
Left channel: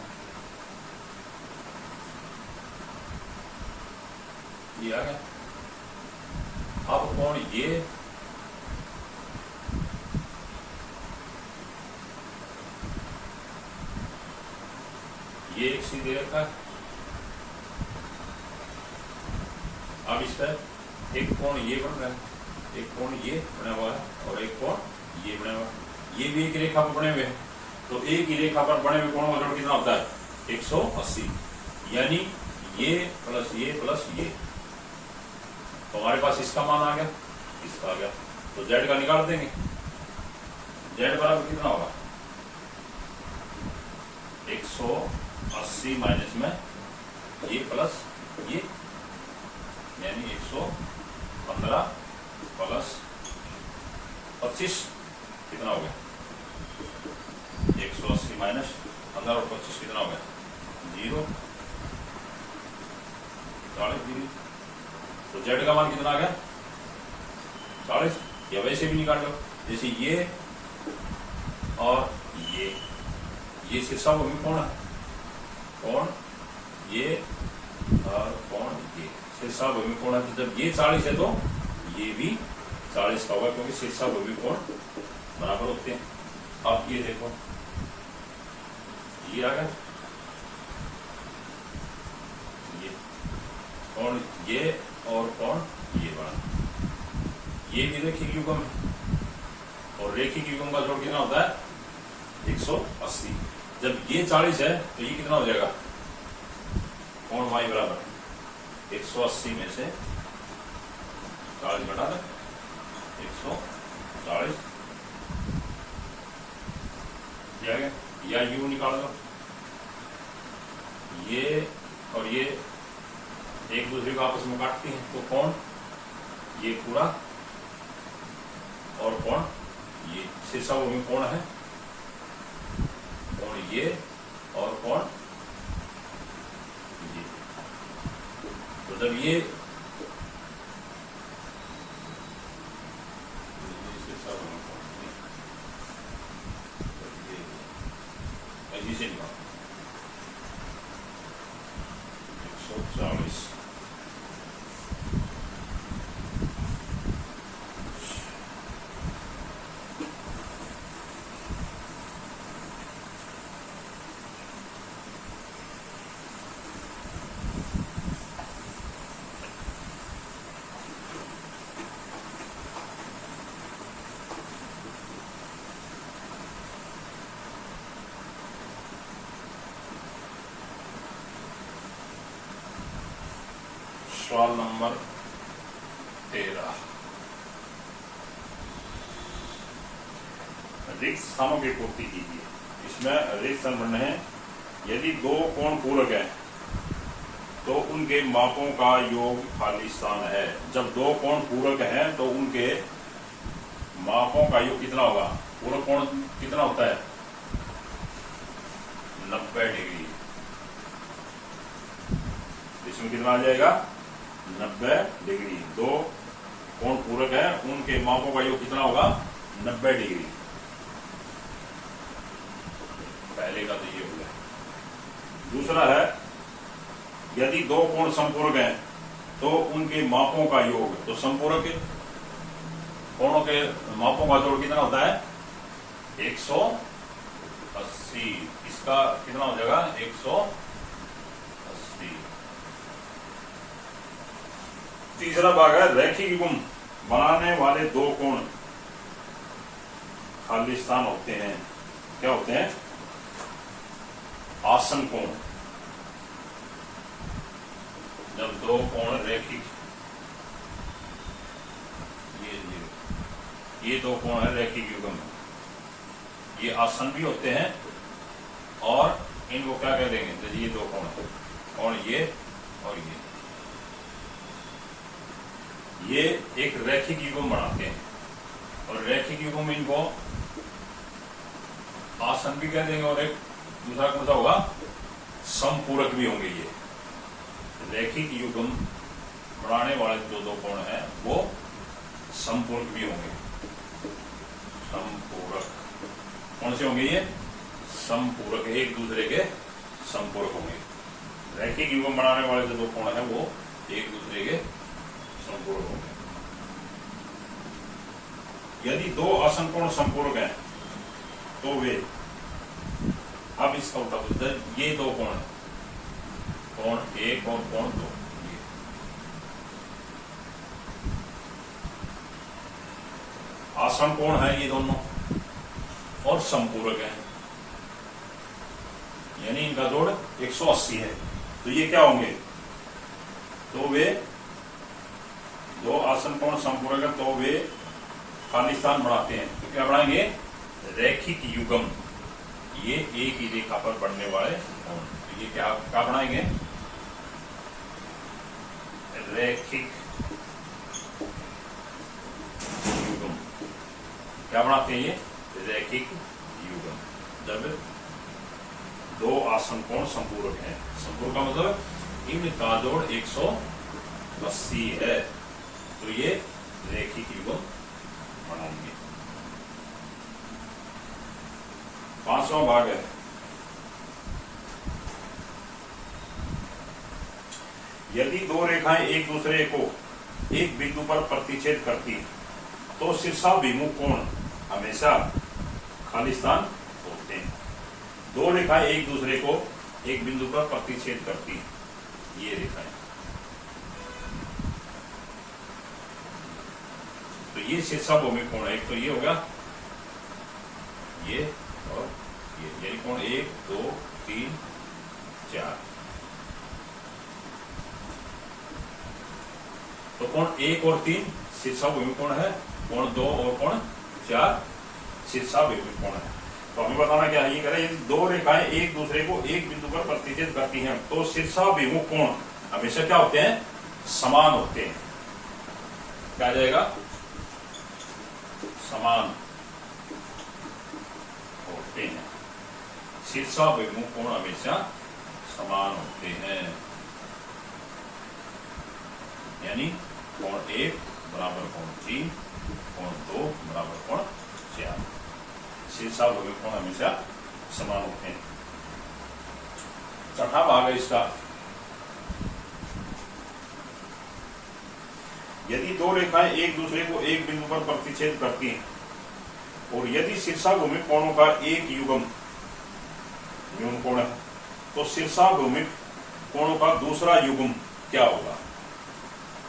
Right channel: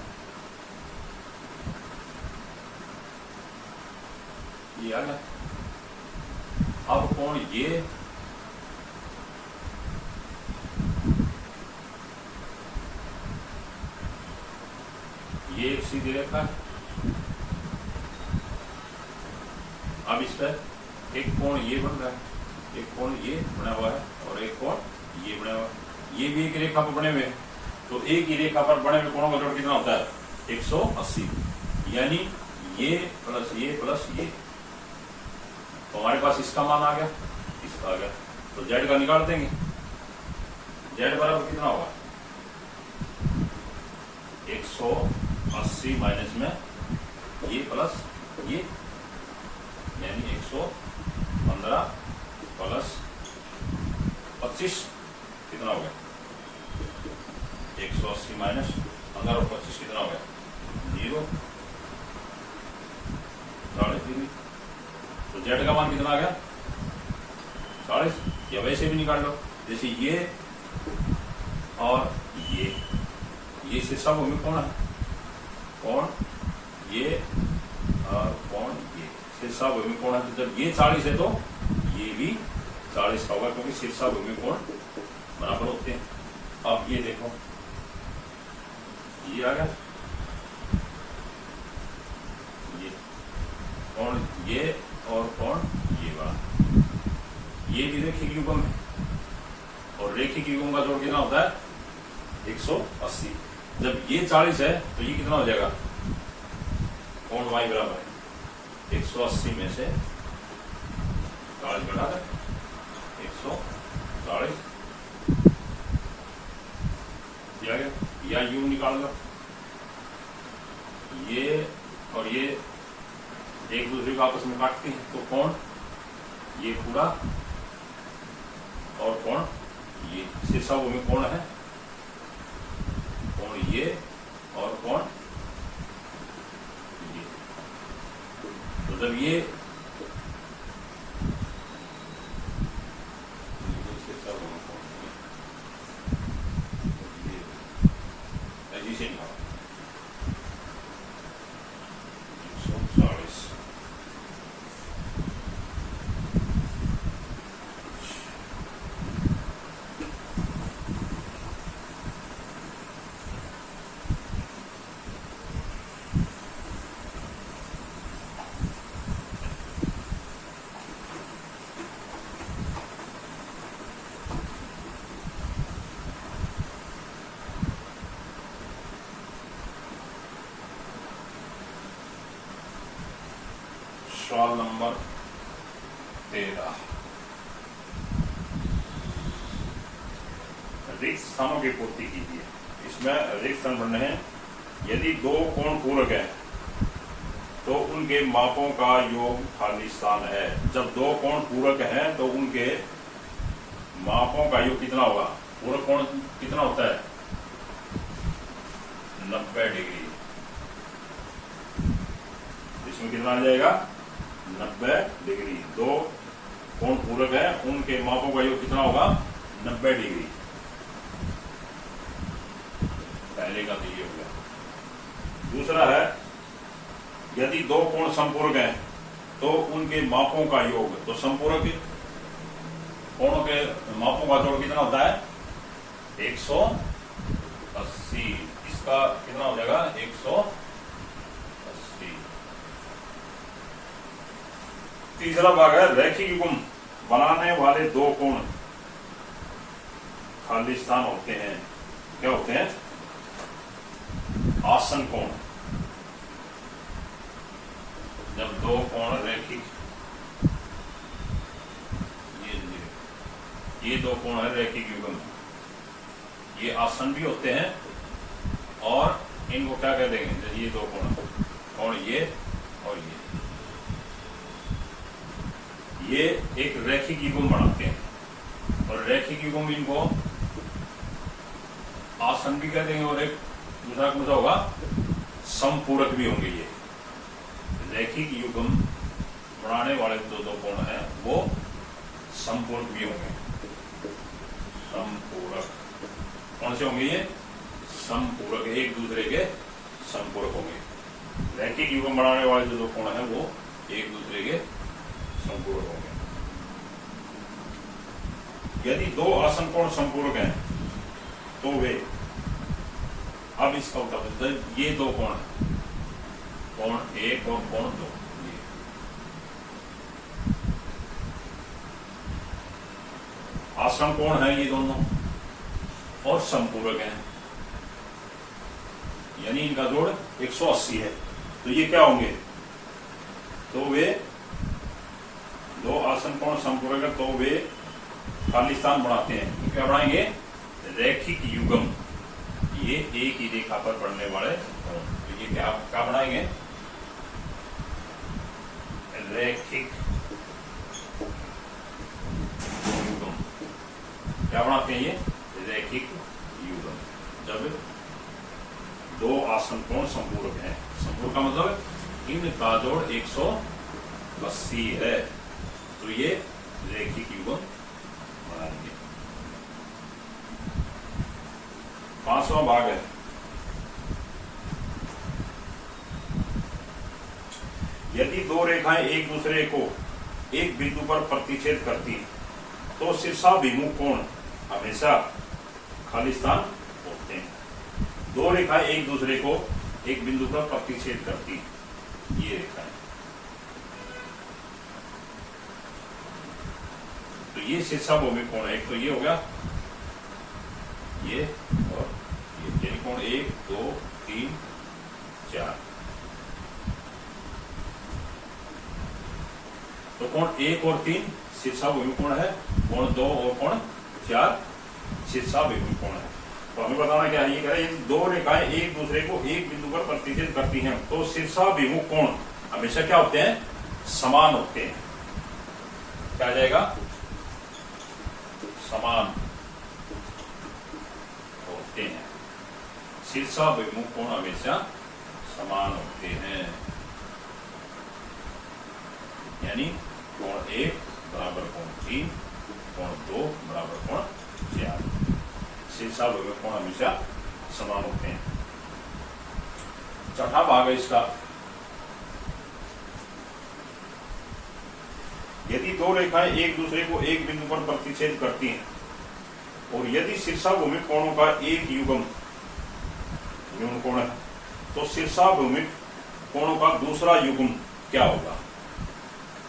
ये आ गया। अब कोण ये एक सीधे रखा है, अब इस पर एक कोण ये बन रहा है, एक कोण ये बना हुआ है और एक कोण ये बना हुआ है, ये भी एक रेखा पर बने हुए हैं। तो एक ही रेखा पर बने हुए कोणों का जोड़ कितना होता है 180, यानी ये प्लस ये प्लस ये। तो हमारे पास इसका मान आ गया, इसका आ गया, तो z का निकाल देंगे। z बराबर कितना होगा 180 माइनस में ये प्लस ये, यानी 115 प्लस 25 कितना हो गया 180 माइनस 15 और 25 कितना हो गया 0, 40 डिग्री। तो z का मान कितना आ गया 40, या वैसे भी निकाल लो, जैसे ये और ये से सब हमें कौन है, कौन ये और कौन ये से सब हमें कौन है। तो जब ये 40 है तो ये भी 40 का होगा, क्योंकि शीर्षा भूमि कोण बराबर होते हैं। अब ये देखो ये आ गया, ये कौन ये और कौन ये बड़ा, ये भी रेखिक युग्म है, और रेखिक युग्म का जोड़ कितना होता है 180। जब ये 40 है तो ये कितना हो जाएगा, कोण y बराबर है 180 में से 40 घटा दें 140 दिया गया, या यू निकाल लो, ये और ये एक दूसरे को आपस में काटते हैं, तो कोण ये पूरा और कोण ये शीर्षा भूमि कोण है, कोण ये और कोण ये। तो जब ये ऐसे निकाल 140 सवाल नंबर 13, रिक्त स्थानों की पूर्ति कीजिए। इसमें रिक्त स्थान बनने हैं, यदि दो कोण पूरक है तो उनके मापों का योग खाली स्थान है। जब दो कोण पूरक हैं तो उनके मापों का योग कितना होगा, पूरक कोण कितना होता है 90 डिग्री, इसमें कितना आ जाएगा 90 डिग्री। दो कोण पूरक है उनके मापों का योग कितना होगा 90 डिग्री। पहले का तो ये हो गया। दूसरा है, यदि दो कोण संपूरक हैं तो उनके मापों का योग, तो संपूरक कोणों के मापों का जोड़ कितना होता है 180। इसका कितना हो जाएगा 180, तीसरा भाग है रैखिक युग्म बनाने वाले दो कोण खाली स्थान होते हैं। क्या होते हैं? आसन कोण। जब दो कोण रैखिक, ये दो कोण है रैखिक युग्म, ये आसन भी होते हैं और इनको क्या कह देंगे? ये दो कोण ये और ये एक रैखिक युग्म बनाते हैं और रैखिक युग्म इनको आसन भी कह देंगे और एक दूसरा कौन सा होगा? समपूरक भी होंगे। ये रैखिक युग्म बनाने वाले दो कोण हैं वो समपूरक भी होंगे। समपूरक कौन से होंगे? ये समपूरक, एक दूसरे के समपूरक होंगे। रैखिक युग्म बनाने वाले जो दो कोण हैं वो एक दूसरे के समपूरक होंगे। यदि दो आसन कोण समपूरक हैं तो वे, अब इसका उल्टा बोलते हैं, ये दो कोण है, कोण एक और कोण दो, आसन कोण है ये दोनों और समपूरक हैं, यानी इनका जोड़ 180 है। तो ये क्या होंगे? तो वे दो आसन कोण समपूरक है तो वे खाली स्थान बनाते हैं। तो क्या बनाएंगे? रैखिक युग्म। ये एक ही रेखा पर बढ़ने वाले कोण, तो ये क्या बनाएंगे? रैखिक युग्म। क्या बनाते हैं ये? रैखिक युग्म। जब दो आसन कोण संपूरक हैं, संपूरक का मतलब इनका जोड़ 180 है, तो ये रैखिक युग्म बनाएंगे। पांचवा भाग है यदि दो रेखाएं एक दूसरे को एक बिंदु पर प्रतिच्छेद करती तो शीर्षाभिमुख कोण हमेशा खाली स्थान होते हैं। दो रेखाएं एक दूसरे को एक बिंदु पर प्रतिच्छेद करती, ये रेखाएं, तो ये शीर्षाभिमुख कोण है। एक तो ये हो गया, ये और ये कोण 1 2 3 4। तो कोण 1 और 3 शीर्षाभिमुख कोण है, कोण 2 और कोण 4 शीर्षाभिमुख कोण है। तो हमें बताना क्या है? ये करें, दो रेखाएं एक दूसरे को एक बिंदु पर प्रतिच्छेद करती हैं तो शीर्षाभिमुख कोण हमेशा क्या होते हैं? समान होते हैं। क्या आ जाएगा? समान होते हैं। शीर्षाभिमुख कोण हमेशा समान होते हैं, यानी कोण 1 बराबर कोण 3, कोण 2 बराबर कोण 4। शीर्षाभिमुख कोण हमेशा समान होते हैं। छठा भाग है इसका, यदि दो रेखाएं एक दूसरे को एक बिंदु पर प्रतिच्छेद करती हैं और यदि शीर्षाभिमुख कोणों का एक युग्म न्यून कोण है तो शीर्षाभिमुख कोणों का दूसरा युग्म क्या होगा?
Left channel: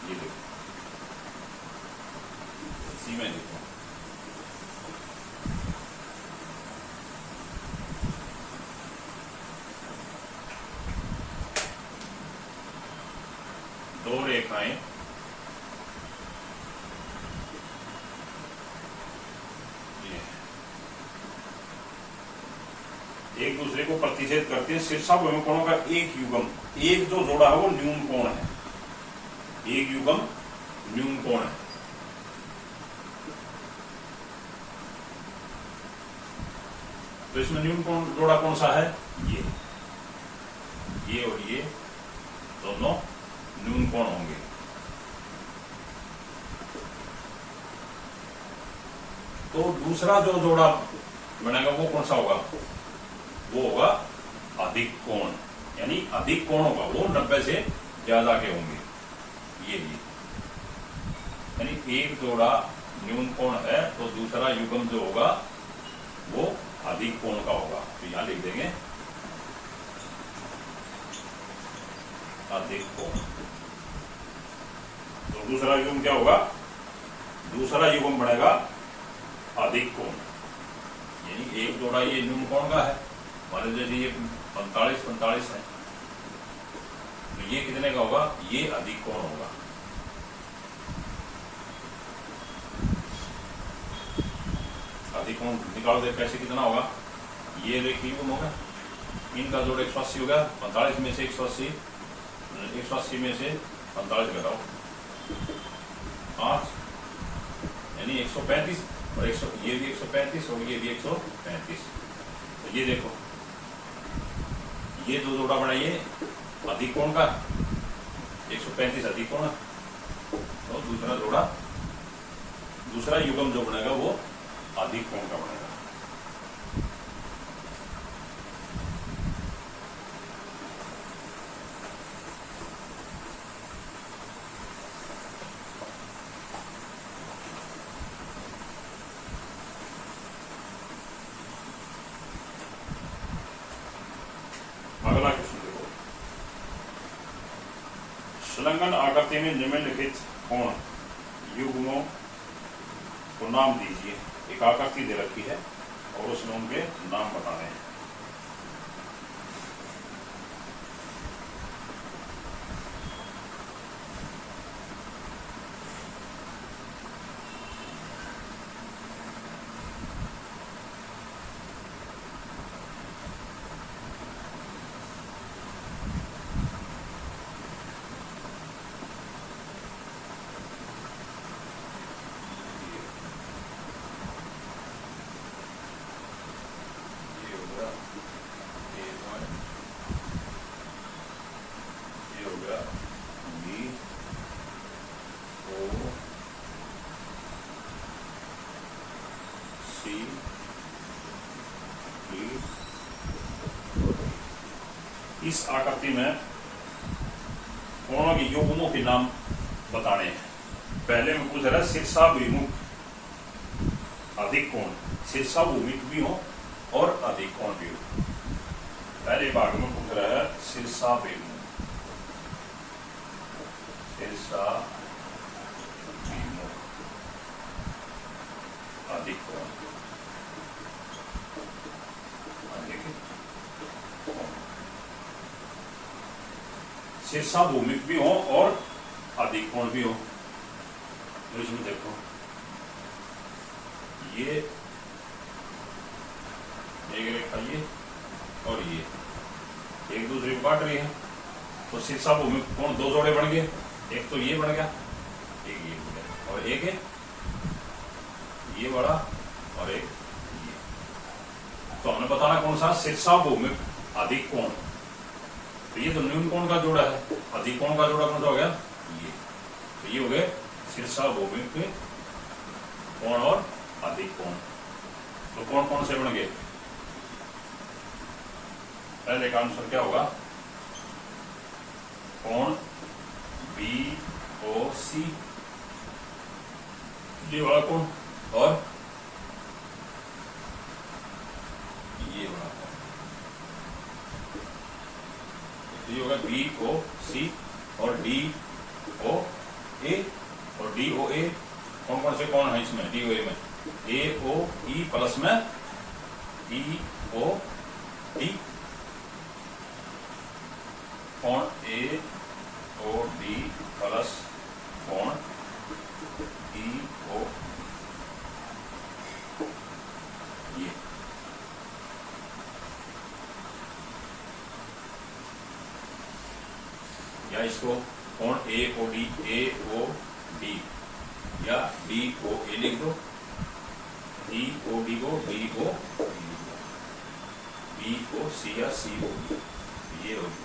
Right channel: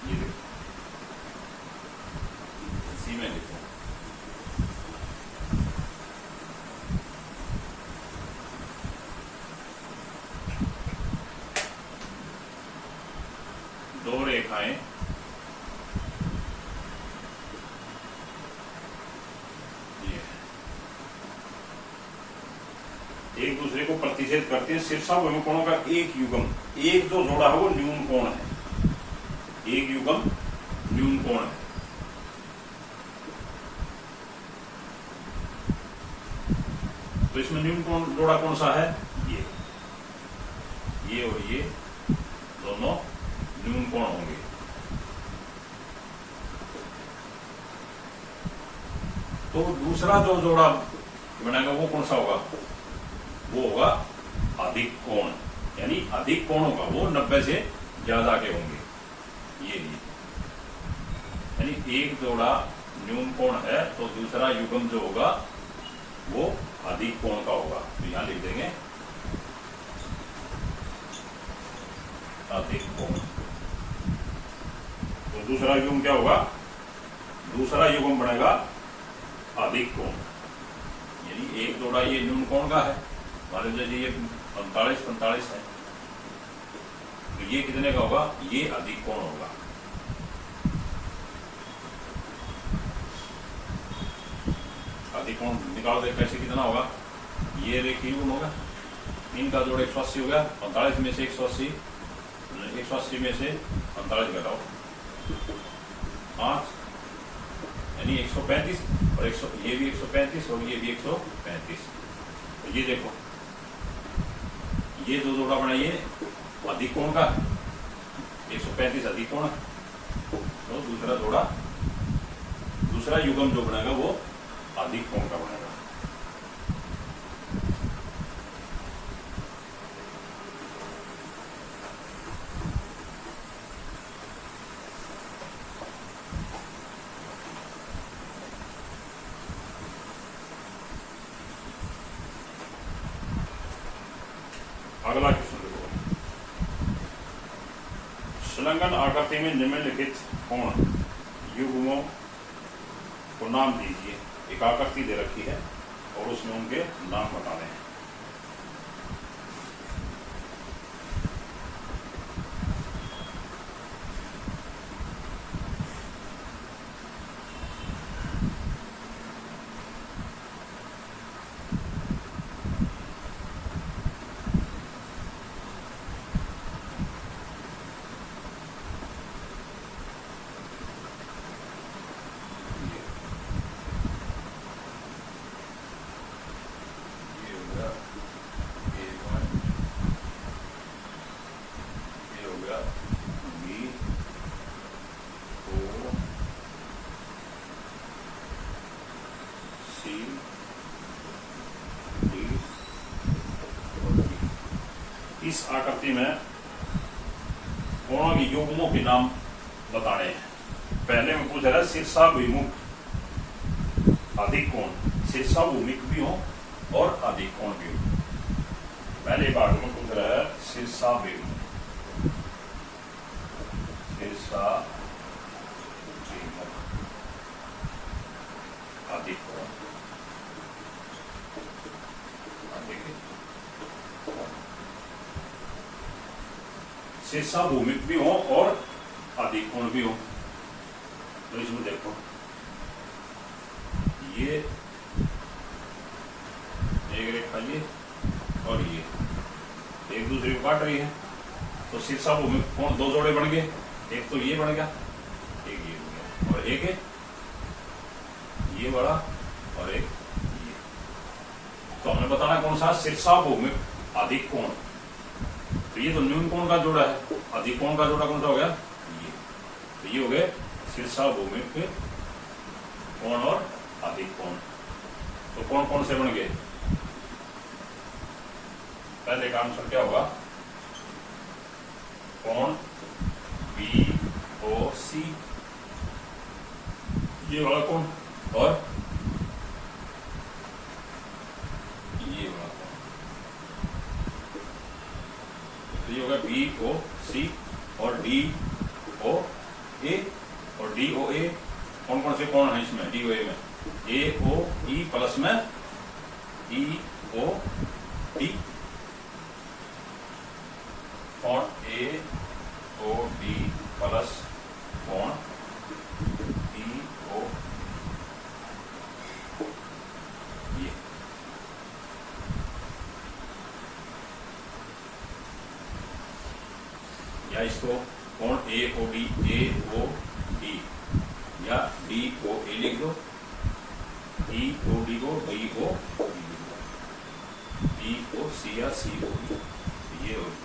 ये देखो, इसी में देखो, दो रेखाएं एक दूसरे को प्रतिच्छेद करते हैं, शीर्षाभिमुख कोणों का एक युग्म, एक जो जोड़ा है वो न्यून कोण है, एक युग्म न्यून कोण है। तो इसमें न्यून कोण जोड़ा कौन सा है? ये और ये दोनों न्यून कोण होंगे। तो दूसरा जो जोड़ा बनेगा वो कौन सा होगा? वो होगा अधिक कोण, यानी अधिक कोण होगा, वो 90 से ज्यादा के होंगे। ये यानी एक जोड़ा न्यून कोण है तो दूसरा युग्म जो होगा वो अधिक कोण का होगा। तो यहां लिख देंगे अधिक कोण। तो दूसरा युग्म क्या होगा, दूसरा युग्म बनेगा अधिक कोण, यानी एक जोड़ा ये न्यून कोण का है, मान लीजिए ये 45 है, तो ये कितने का होगा, ये अधिक कोण होगा। अधिक कोण निकाल दे कैसे, कितना होगा, ये रेखीय युग्म होगा, इनका जोड़ 180 हो गया, 45 में से 180 में से 45 घटाओ 5, यानी 135, और ये भी 135 और ये भी 135। तो ये देखो, ये जो जोड़ा बनाइए अधिक कोण का, 135 अधिक कोण, तो दूसरा जोड़ा, दूसरा युग्म जो बनेगा वो अधिक कोण का बनेगा। अगला क्वेश्चन देखो, संलग्न आकृति में निम्नलिखित कोण युग्मों को नाम दीजिए। एक आकृति दे रखी है और उसमें उनके नाम बताने हैं। इस आकृति में कोणों के युग्मों के नाम बताने हैं। पहले में पूछ रहा है शीर्षाभिमुख अधिक कोण, शीर्षाभिमुख भी हो और अधिक कोण भी हो। पहले भाग में पूछ रहा है शीर्षाभिमुख, अधिक कोण, शीर्षाभिमुख भी हो और अधिक कोण भी हो। तो इसमें देखो, ये एक रेखा ये और ये एक दूसरे को काट रही है, तो शीर्षाभिमुख कोण दो जोड़े बन गए, एक तो ये बन गया, एक ये बन गया, और एक है ये बड़ा और एक ये। तो हमने बताना कौन सा, शीर्षाभिमुख अधिक कोण। तो ये तो न्यून कोण का जोड़ा है, अधिक कोण का जोड़ा कौन सा हो गया, ये। तो ये हो गए शीर्षाभिमुख कोण और अधिक कोण। तो कौन कौन से बन गए, पहले का आंसर क्या होगा, कोण BOC, ये वाला कोण, और ये वाला कोण, ये होगा BOC और DOA, और DOA कौन कौन से कोण है इसमें, DOA में AOE प्लस में EOD, कोण AOD प्लस कोण EO, ये या इसको कोण AOD या DOA लिख दो, EOD को BOC या COD, ये होगी।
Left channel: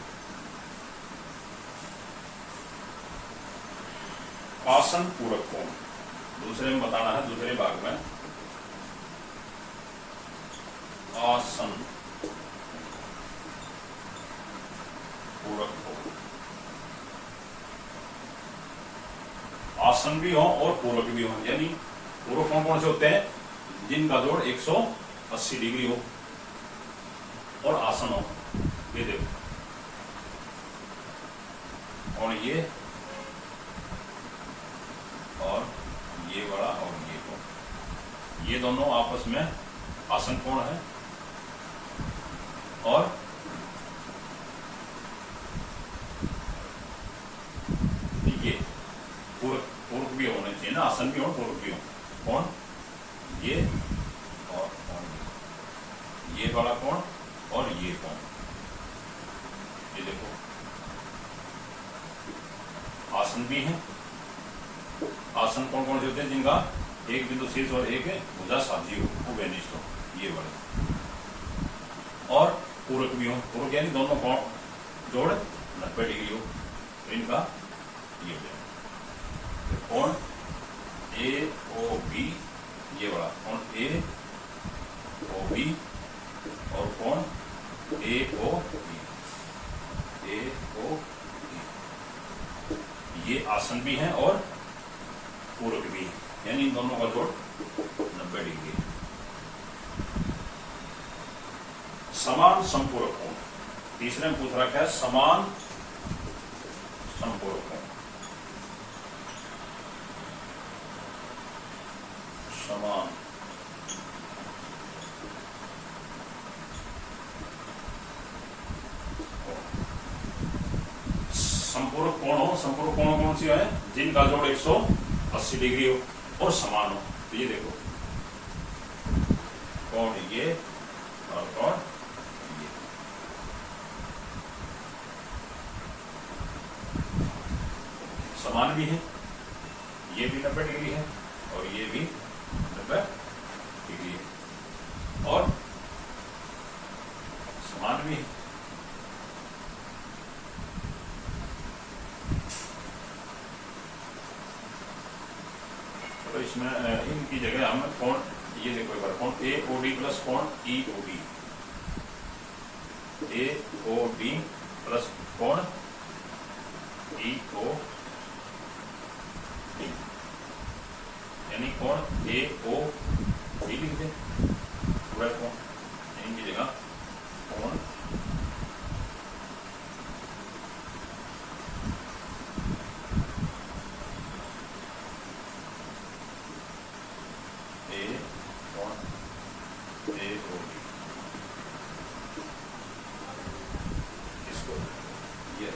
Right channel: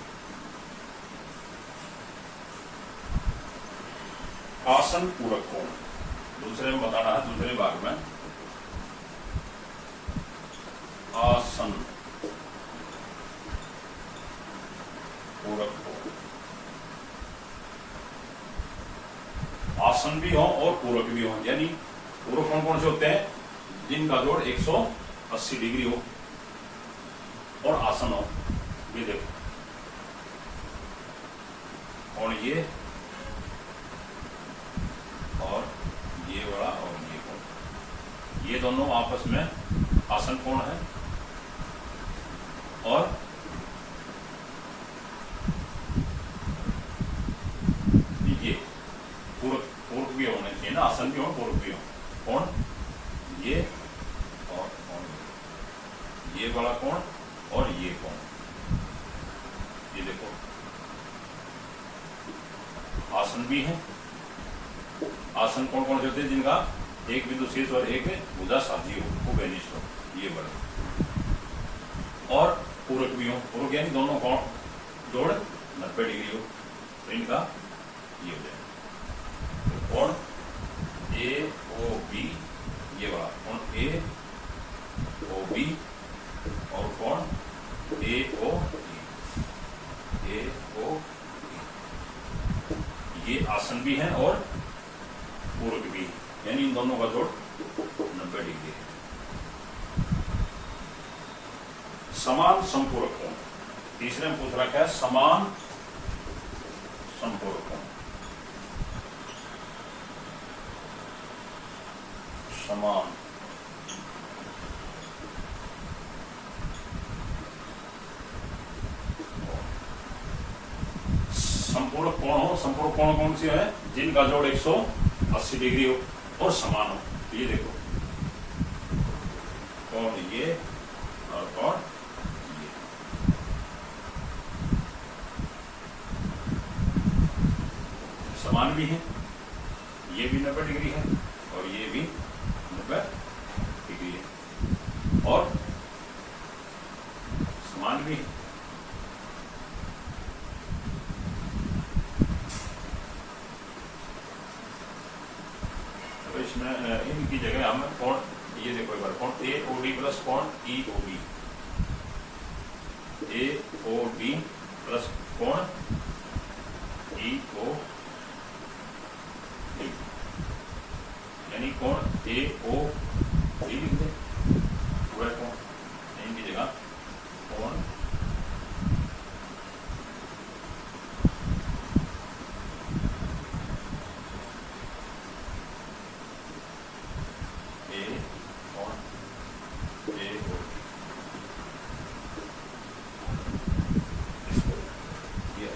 आसन पूरक कोण दूसरे में बताना है, दूसरे भाग में आसन पूरक कोण, आसन भी हो और पूरक भी हो, यानी पूरक कौन कौन से होते हैं, जिनका जोड़ 180 डिग्री हो और आसन हो। ये देखो, और ये दोनों आपस में आसन कोण है और ये पूरक भी होना चाहिए ना, आसन भी हो पूरक भी हो। कौन? ये और कौन? ये वाला कौन और ये कौन? ये देखो आसन भी है। आसन कौन कौन से होते हैं? जिनका एक बिंदु शीर्ष और एक भुजा साझी हो, वो बेनिश हो, ये वाले। और पूरक भी हो, पूरक यानी दोनों कौन जोड़ 90 डिग्री हो, तो इनका ये हो जाए। तो कौन ए ओ बी, ये वाला कौन ए ओ बी और कौन ए ओ बी, ए ओ बी, ये आसन भी है और पूरक भी है, यानी इन दोनों का जोड़ 90 डिग्री है। समान संपूरक कोण, तीसरे में पूछ रहा क्या है? समान संपूरक कोण। समान संपूरक कोण हो, संपूरक कोण कौन सी है? जिनका जोड़ 180 डिग्री हो और समान हो। तो ये देखो कौन ये और कौन ये, समान भी है, ये भी 90 डिग्री है और ये भी 90 डिग्री है और समान भी है। तो इसमें इनकी जगह हम कोण, ये देखो एक बार, कोण ए ओ डी प्लस कोण ई ओ डी, ए ओ डी प्लस कोण ई ओ डी, यानी कोण ए ओ डी लिख दे पूरा कोण, इनकी जगह कोण ए कोण ए ओ डी, इसको ये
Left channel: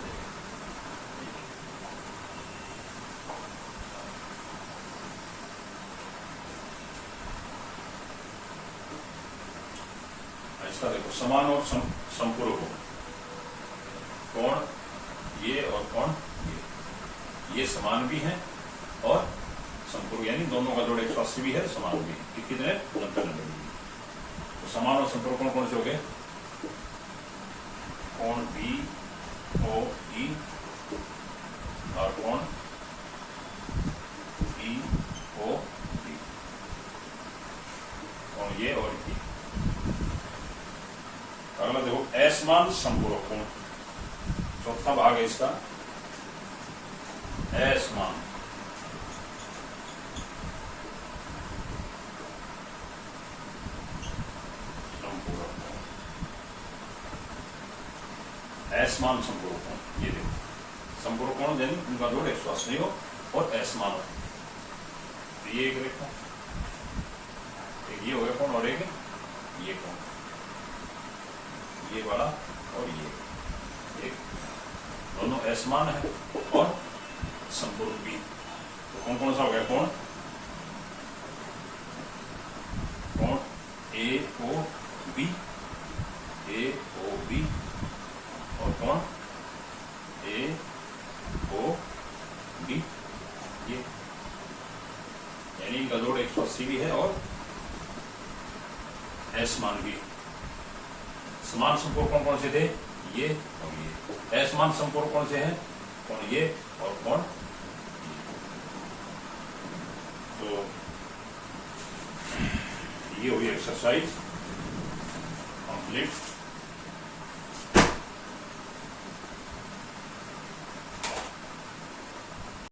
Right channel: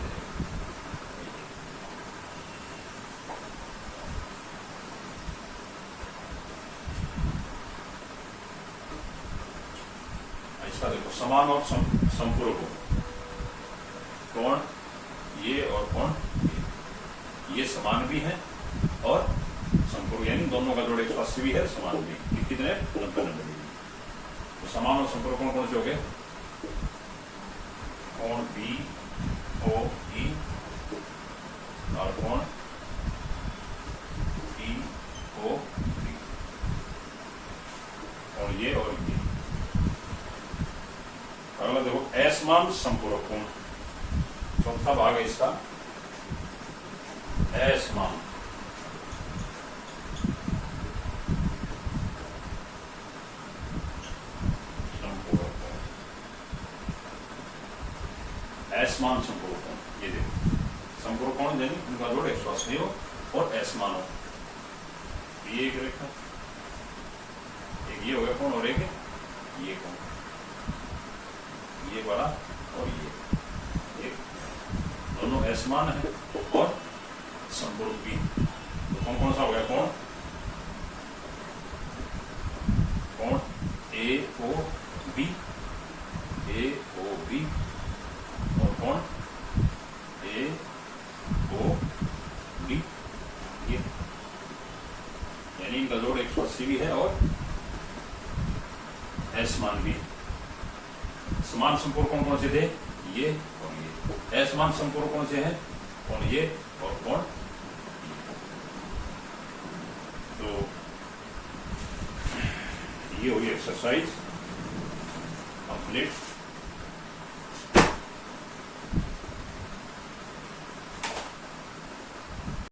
इसका देखो समान और संपूरक हो, कौन ये और कौन ये समान भी है और संपूरक, यानी दोनों का जोड़ 180 भी है, समान भी है। कितने? 90 डिग्री। तो समान और संपूरक कौन कौन से हो गए? कौन बी ओ ई और कौन ई ओ डी, और ये और ये। अगला देखो असमान संपूरक कोण, चौथा भाग है इसका असमान। असमान संपूरक कोण, ये देखो संपूरक कोण यानी उनका जोड़ 180 हो और असमान हो। तो ये एक रेखा, एक ये हो गया कोण और एक ये कोण, ये वाला और ये एक, दोनों असमान है और संपूरक भी। तो कौन कौन सा हो गया? कौन कौन ए ओ बी, ए ओ बी और कौन ए ओ बी, ये यानी इनका जोड़ 180 भी है और असमान भी। समान संपूरक कौन कौन से थे? ये और ये। असमान संपूरक कौन से हैं? कौन ये और कौन ये। तो ये हुई एक्सरसाइज कंप्लीट।